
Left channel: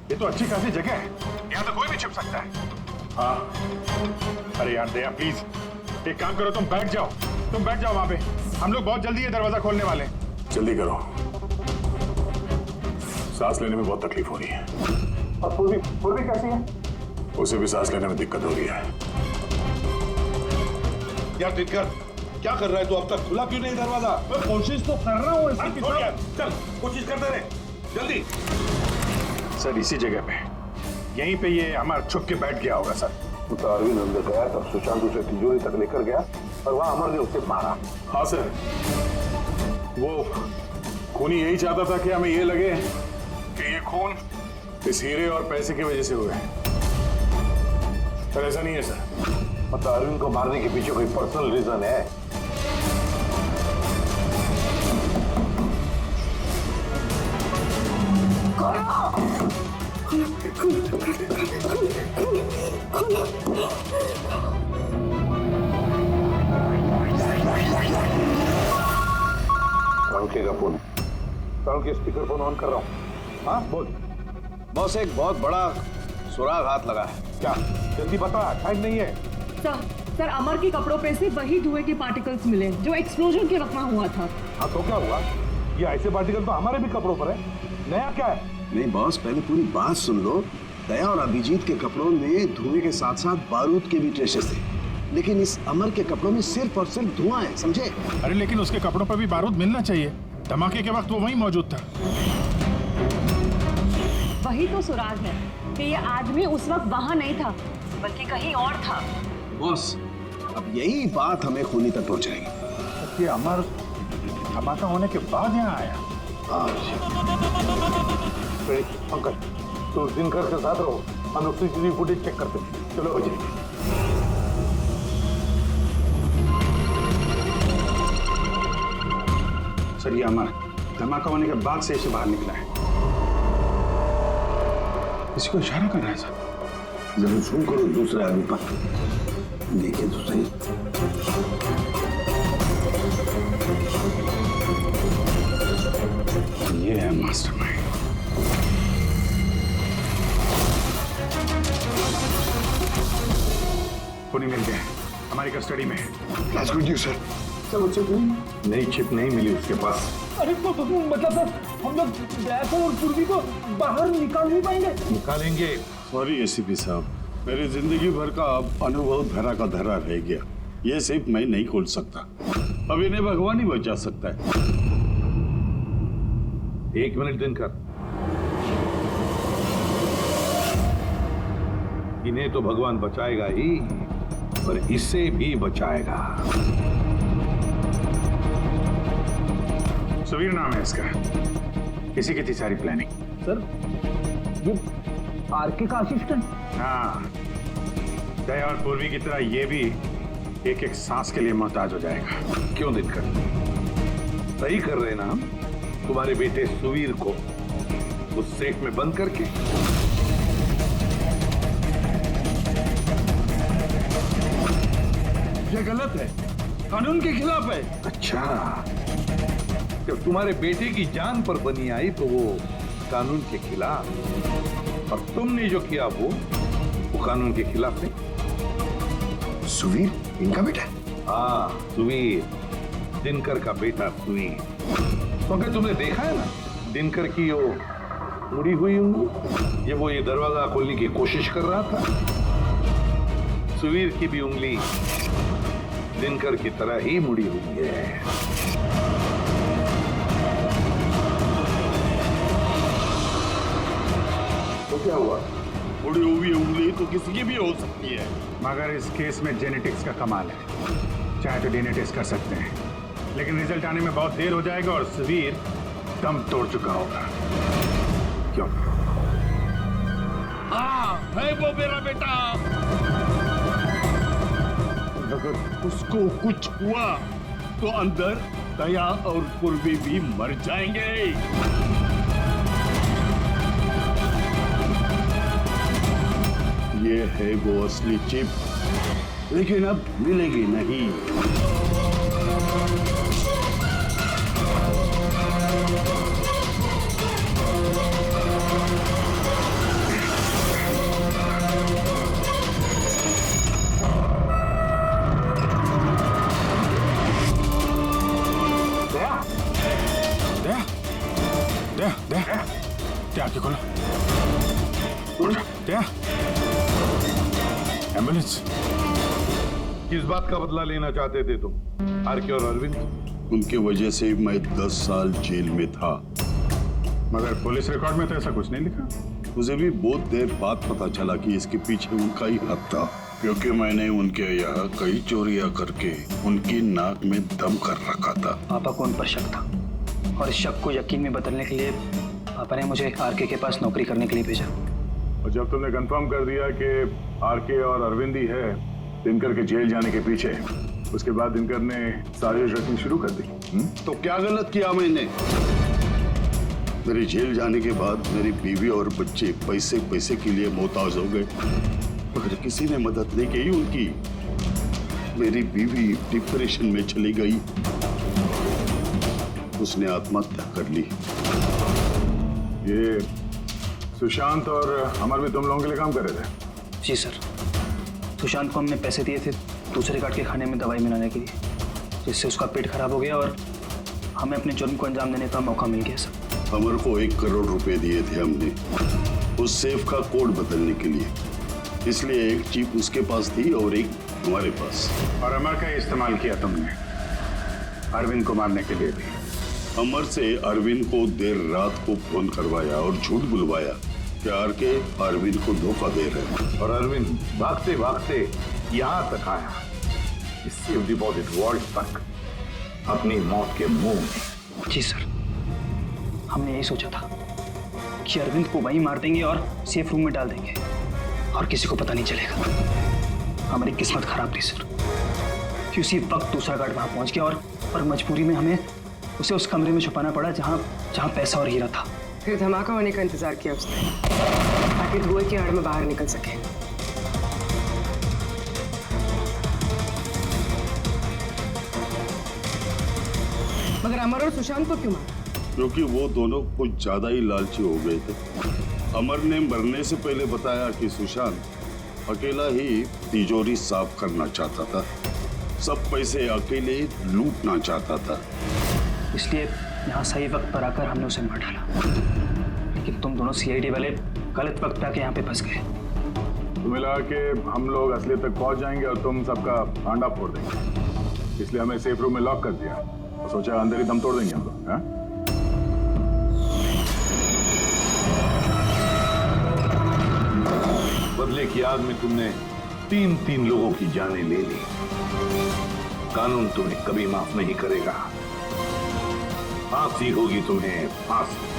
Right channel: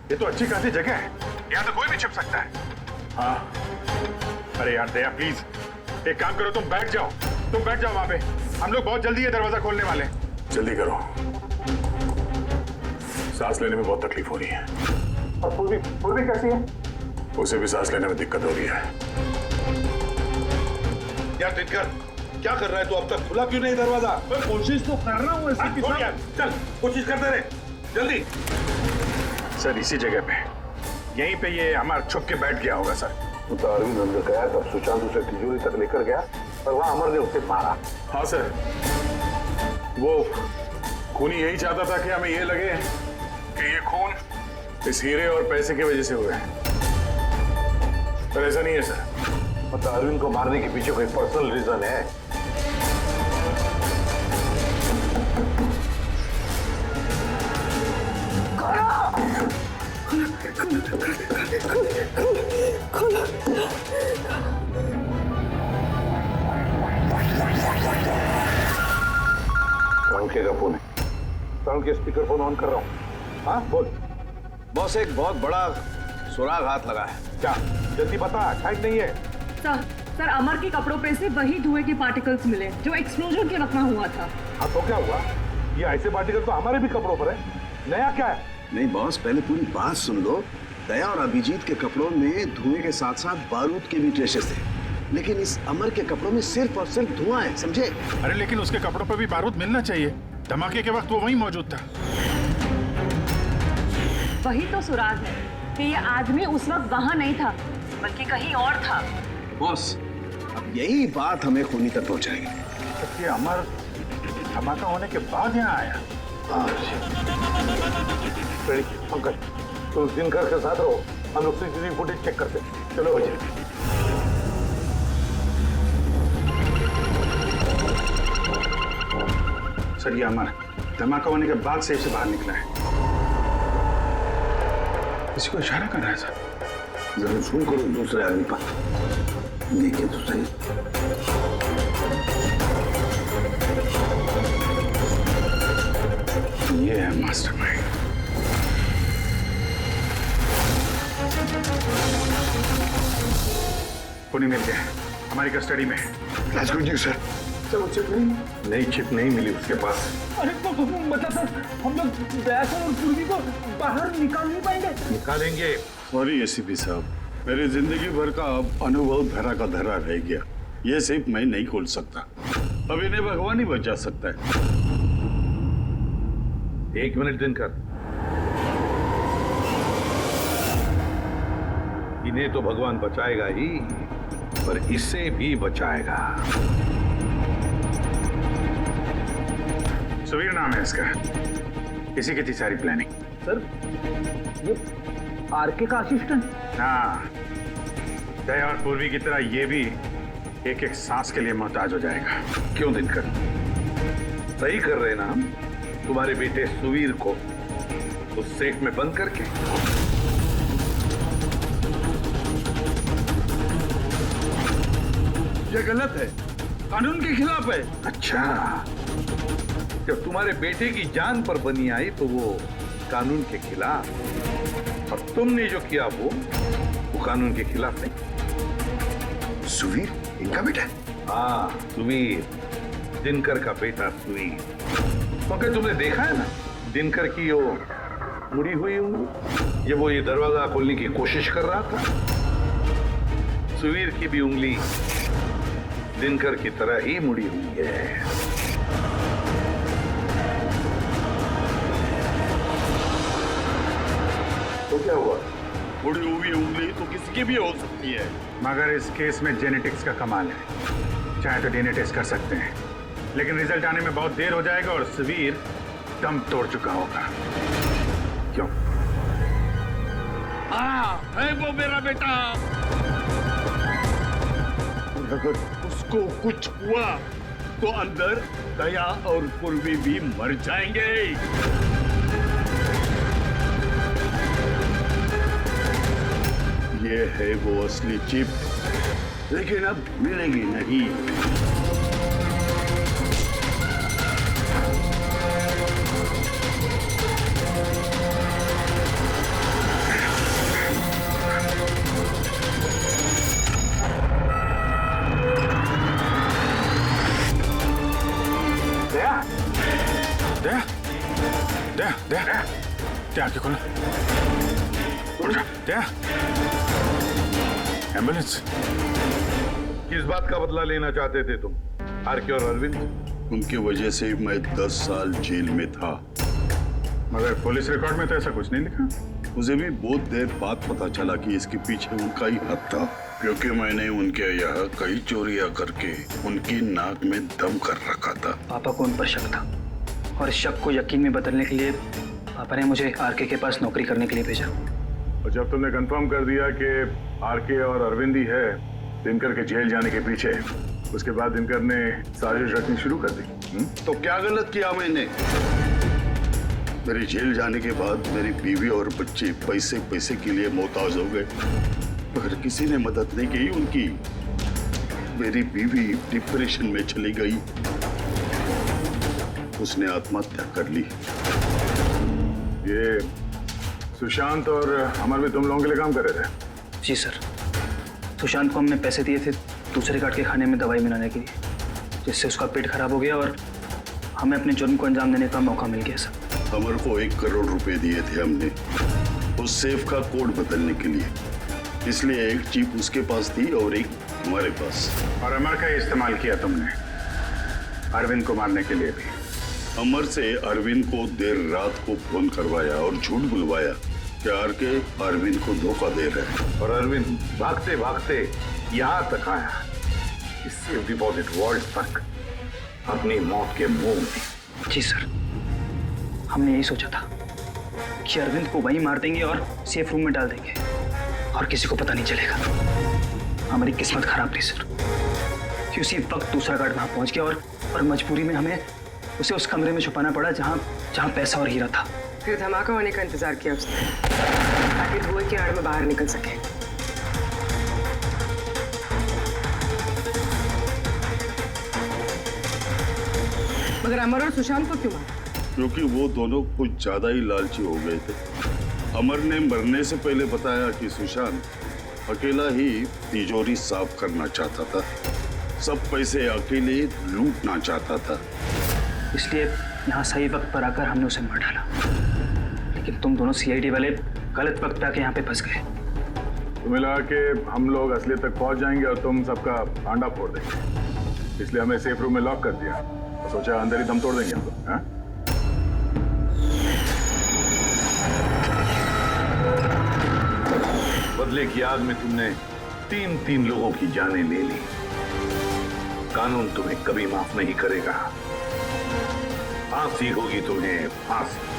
ये तो अच्छी खासी जगह है, यहाँ तो कोई भी छिप सकता है। हाँ, अरे यार दया प्लीज एक काम करो, तुम बैठ जाओ वहां पे। हम लोग बहुत जल्दी ये दरवाजा खोलने वाले हैं। जल्दी करो, सांस लेने में बहुत तकलीफ हो रही है। और पूर्वी कैसी है? उसे भी सांस लेने में दिक्कत हो रही है। यार दिनकर, क्या कर रहा है तू? अब तक खुला क्यों नहीं दरवाजा? मैं कोशिश तो कर रहा हूँ। चल कोशिश करते रहे, जल्दी। सर इसी जगह पे, यहीं पे ये हमारा छुप के बैठ गया होगा सर। तो अरविंद अंदर गया, तब सुशांत उसे तिजोरी तक लेकर गया और वहां अमर ने उसे मारा। हाँ सर, वो खूनी यही चाहता था कि हमें ये लगे कि ये खून इस हीरे और पैसे की वजह से हुआ है, पर ऐसा नहीं है सर। मतलब अरविंद को मारने के पीछे कोई पर्सनल रीजन है? कौन के फोन है? कौन के स्पीकर फोन ऑन कर रहा हूँ? हाँ बोल। बॉस एक बहुत बड़ा सुराग हाथ लगा है। क्या? जल्दी बता, टाइम नहीं है। सर अमर के कपड़ों पे से वही धुएं के पार्टिकल्स मिले जो एक्सप्लोजन के वक्त में हुआ था। हाँ तो क्या हुआ? ये ऐसे पार्टिकल तो हमारे भी कपड़ों पर है। नया क्या है? नहीं बॉस, पहले पूरी बात सुन लो। दया और अभिजीत के कपड़ों में धुएं के साथ साथ बारूद के भी ट्रेसेस थे, लेकिन इस अमर के कपड़ों में सिर्फ और सिर्फ धुआं है, समझे? अरे लेकिन उसके कपड़ों पर भी बारूद मिलना चाहिए। धमाके के वक्त वो वहीं मौजूद था। वही तो सुराग है कि ये आदमी उस वक्त वहां नहीं था बल्कि कहीं और था। बॉस अब यही बात हमें खूनी तक पहुंचाएगी। ये अमर धमाका होने के बाद यहाँ आया। पंकज तो दिनकर के साथ रहो, हम लोग सीसीटीवी फुटेज चेक करते हैं। चलो भैया। सर ये अमर धमाका होने के बाद सेफ से बाहर निकला है। किसी को इशारा कर रहा है सर। जरा जूम करो दूसरे आदमी पर, देखिए तो सही। ये है मास्टरमाइंड। पुनी मिल गया, हमारी कस्टडी में है। That's good news, sir. Sir वो चिप नहीं? नई चिप नहीं मिली उसके पास। अरे तो मतलब सर हम लोग दया सर और पूर्वी को बाहर निकाल नहीं पाएंगे? निकालेंगे। सॉरी एसीपी साहब, मेरी जिंदगी भर का अनुभव धरा का धरा रह गया। ये सिर्फ मैं नहीं खोल सकता, अब इन्हें भगवान ही बचा सकता है। 1 मिनट दिनकर, इन्हें तो भगवान बचाएगा ही, पर इसे भी बचाएगा। सुवीर नाम है इसका, इसी की थी सारी प्लानिंग। सर ये आरके का असिस्टेंट? हाँ, दया और पूर्वी की तरह ये भी एक एक सांस के लिए मोहताज हो जाएगा। क्यों दिनकर? सही कर रहे ना हम? तुम्हारे बेटे सुवीर को उस सेफ में बंद करके। ये गलत है, कानून के खिलाफ है। अच्छा, जब तुम्हारे बेटे की जान पर बनी आई तो वो कानून के खिलाफ, और तुमने जो किया वो कानून के खिलाफ नहीं। सुवीर इनका बेटा? हाँ सुवीर, दिनकर का बेटा सुवीर। क्योंकि तुमने देखा है ना दिनकर की वो मुड़ी हुई उंगली, जब वो ये दरवाजा खोलने की कोशिश कर रहा था। सुवीर की भी उंगली दिनकर की तरह ही मुड़ी हुई है। तो क्या हुआ? मुड़ी हुई उंगली तो किसी की भी हो सकती है, मगर इस केस में जेनेटिक्स का कमाल है। चाहे तो डीएनए टेस्ट कर सकते हैं, लेकिन रिजल्ट आने में बहुत देर हो जाएगा और सुवीर दम तोड़ चुका होगा। क्यों? है वो मेरा बेटा। अगर उसको कुछ हुआ तो अंदर दया और पूर्वी भी मर जाएंगे। ये है वो असली चिप, लेकिन अब मिलेगी नहीं। क्या आंखें खोलो, क्या एम्बुलेंस? किस बात का बदला लेना चाहते थे तुम, आरके और अरविंद? उनकी वजह से मैं 10 साल जेल में था। मगर पुलिस रिकॉर्ड में तो ऐसा कुछ नहीं लिखा। मुझे भी बहुत देर बाद पता चला कि इसके पीछे उनका ही हाथ था, क्योंकि मैंने उनके यहाँ कई चोरियां करके उनकी नाक में दम कर रखा था। पापा को उन पर शक था और इस शक को यकीन में बदलने के लिए पापा ने मुझे आरके के पास नौकरी करने के लिए भेजा। और जब तुमने कंफर्म कर दिया कि आरके और अरविंद ही है दिनकर के जेल जाने के पीछे, उसके बाद दिनकर ने साजिश रचनी शुरू कर दी। तो क्या गलत किया मैंने? मेरे जेल जाने के बाद मेरी बीवी और बच्चे पैसे पैसे के लिए मोहताज हो गए, मगर किसी ने मदद नहीं की उनकी। मेरी बीवी डिप्रेशन में चली गई, उसने आत्महत्या कर ली। ये सुशांत और अमर भी तुम लोगों के लिए काम कर रहे थे? जी सर, सुशांत को हमने पैसे दिए थे दूसरे कार्ड के खाने में दवाई मिलाने के लिए, जिससे उसका पेट खराब हो गया और हमें अपने जुर्म को अंजाम देने का मौका मिल गया सर। अमर को 1 करोड़ रुपए दिए थे हमने उस सेफ का कोड बदलने के लिए, इसलिए एक चिप उसके पास थी और एक हमारे पास। और अमर का इस्तेमाल किया तुमने अरविंद को मारने के लिए भी? अमर से अरविंद को देर रात को फोन करवाया और झूठ बुलवाया कि आरके अरविंद को धोखा दे रहे हैं। और अरविंद भागते भागते यहां तक आया, इस सेफ डिपॉजिट वॉल्ट तक, अपनी मौत के मुंह में। जी सर, हमने यही सोचा था कि अरविंद को वहीं मार देंगे और सेफ रूम में डाल देंगे और किसी को पता नहीं चलेगा। हमारी किस्मत खराब थी सर कि उसी वक्त दूसरा गार्ड वहां पहुंच गया और मजबूरी में हमें उसे उस कमरे में छुपाना पड़ा जहां पैसा और हीरा था। फिर धमाका होने का इंतजार किया उसने ताकि धुएं की आड़ में बाहर निकल सके। मगर अमर और सुशांत को क्यों मारा? क्योंकि वो दोनों कुछ ज्यादा ही लालची हो गए थे। अमर ने मरने से पहले बताया कि सुशांत अकेला ही तिजोरी साफ करना चाहता था, सब पैसे अकेले लूटना चाहता था, इसलिए यहाँ सही वक्त पर आकर हमने उसे मार डाला। लेकिन तुम दोनों सीआईडी वाले गलत वक्त पे आके यहाँ पे फंस गए। तुम्हें लगा कि हम लोग असलियत तक पहुंच जाएंगे और तुम सबका भांडा फोड़ देंगे, इसलिए हमें सेफ रूम में लॉक कर दिया और सोचा अंदर ही दम तोड़ देंगे हम लोग। हाँ? बदले की आग में तुमने 3 लोगों की जानें ले ली। कानून तुम्हें कभी माफ नहीं करेगा, फांसी होगी तुम्हें, फांसी।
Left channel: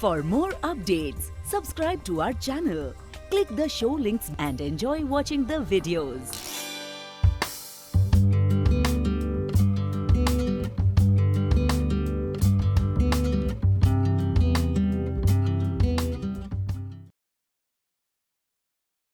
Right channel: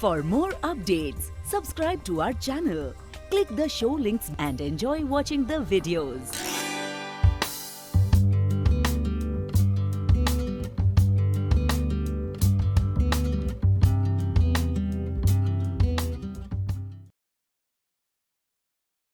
For more updates, subscribe to our channel, click the show links and enjoy watching the videos.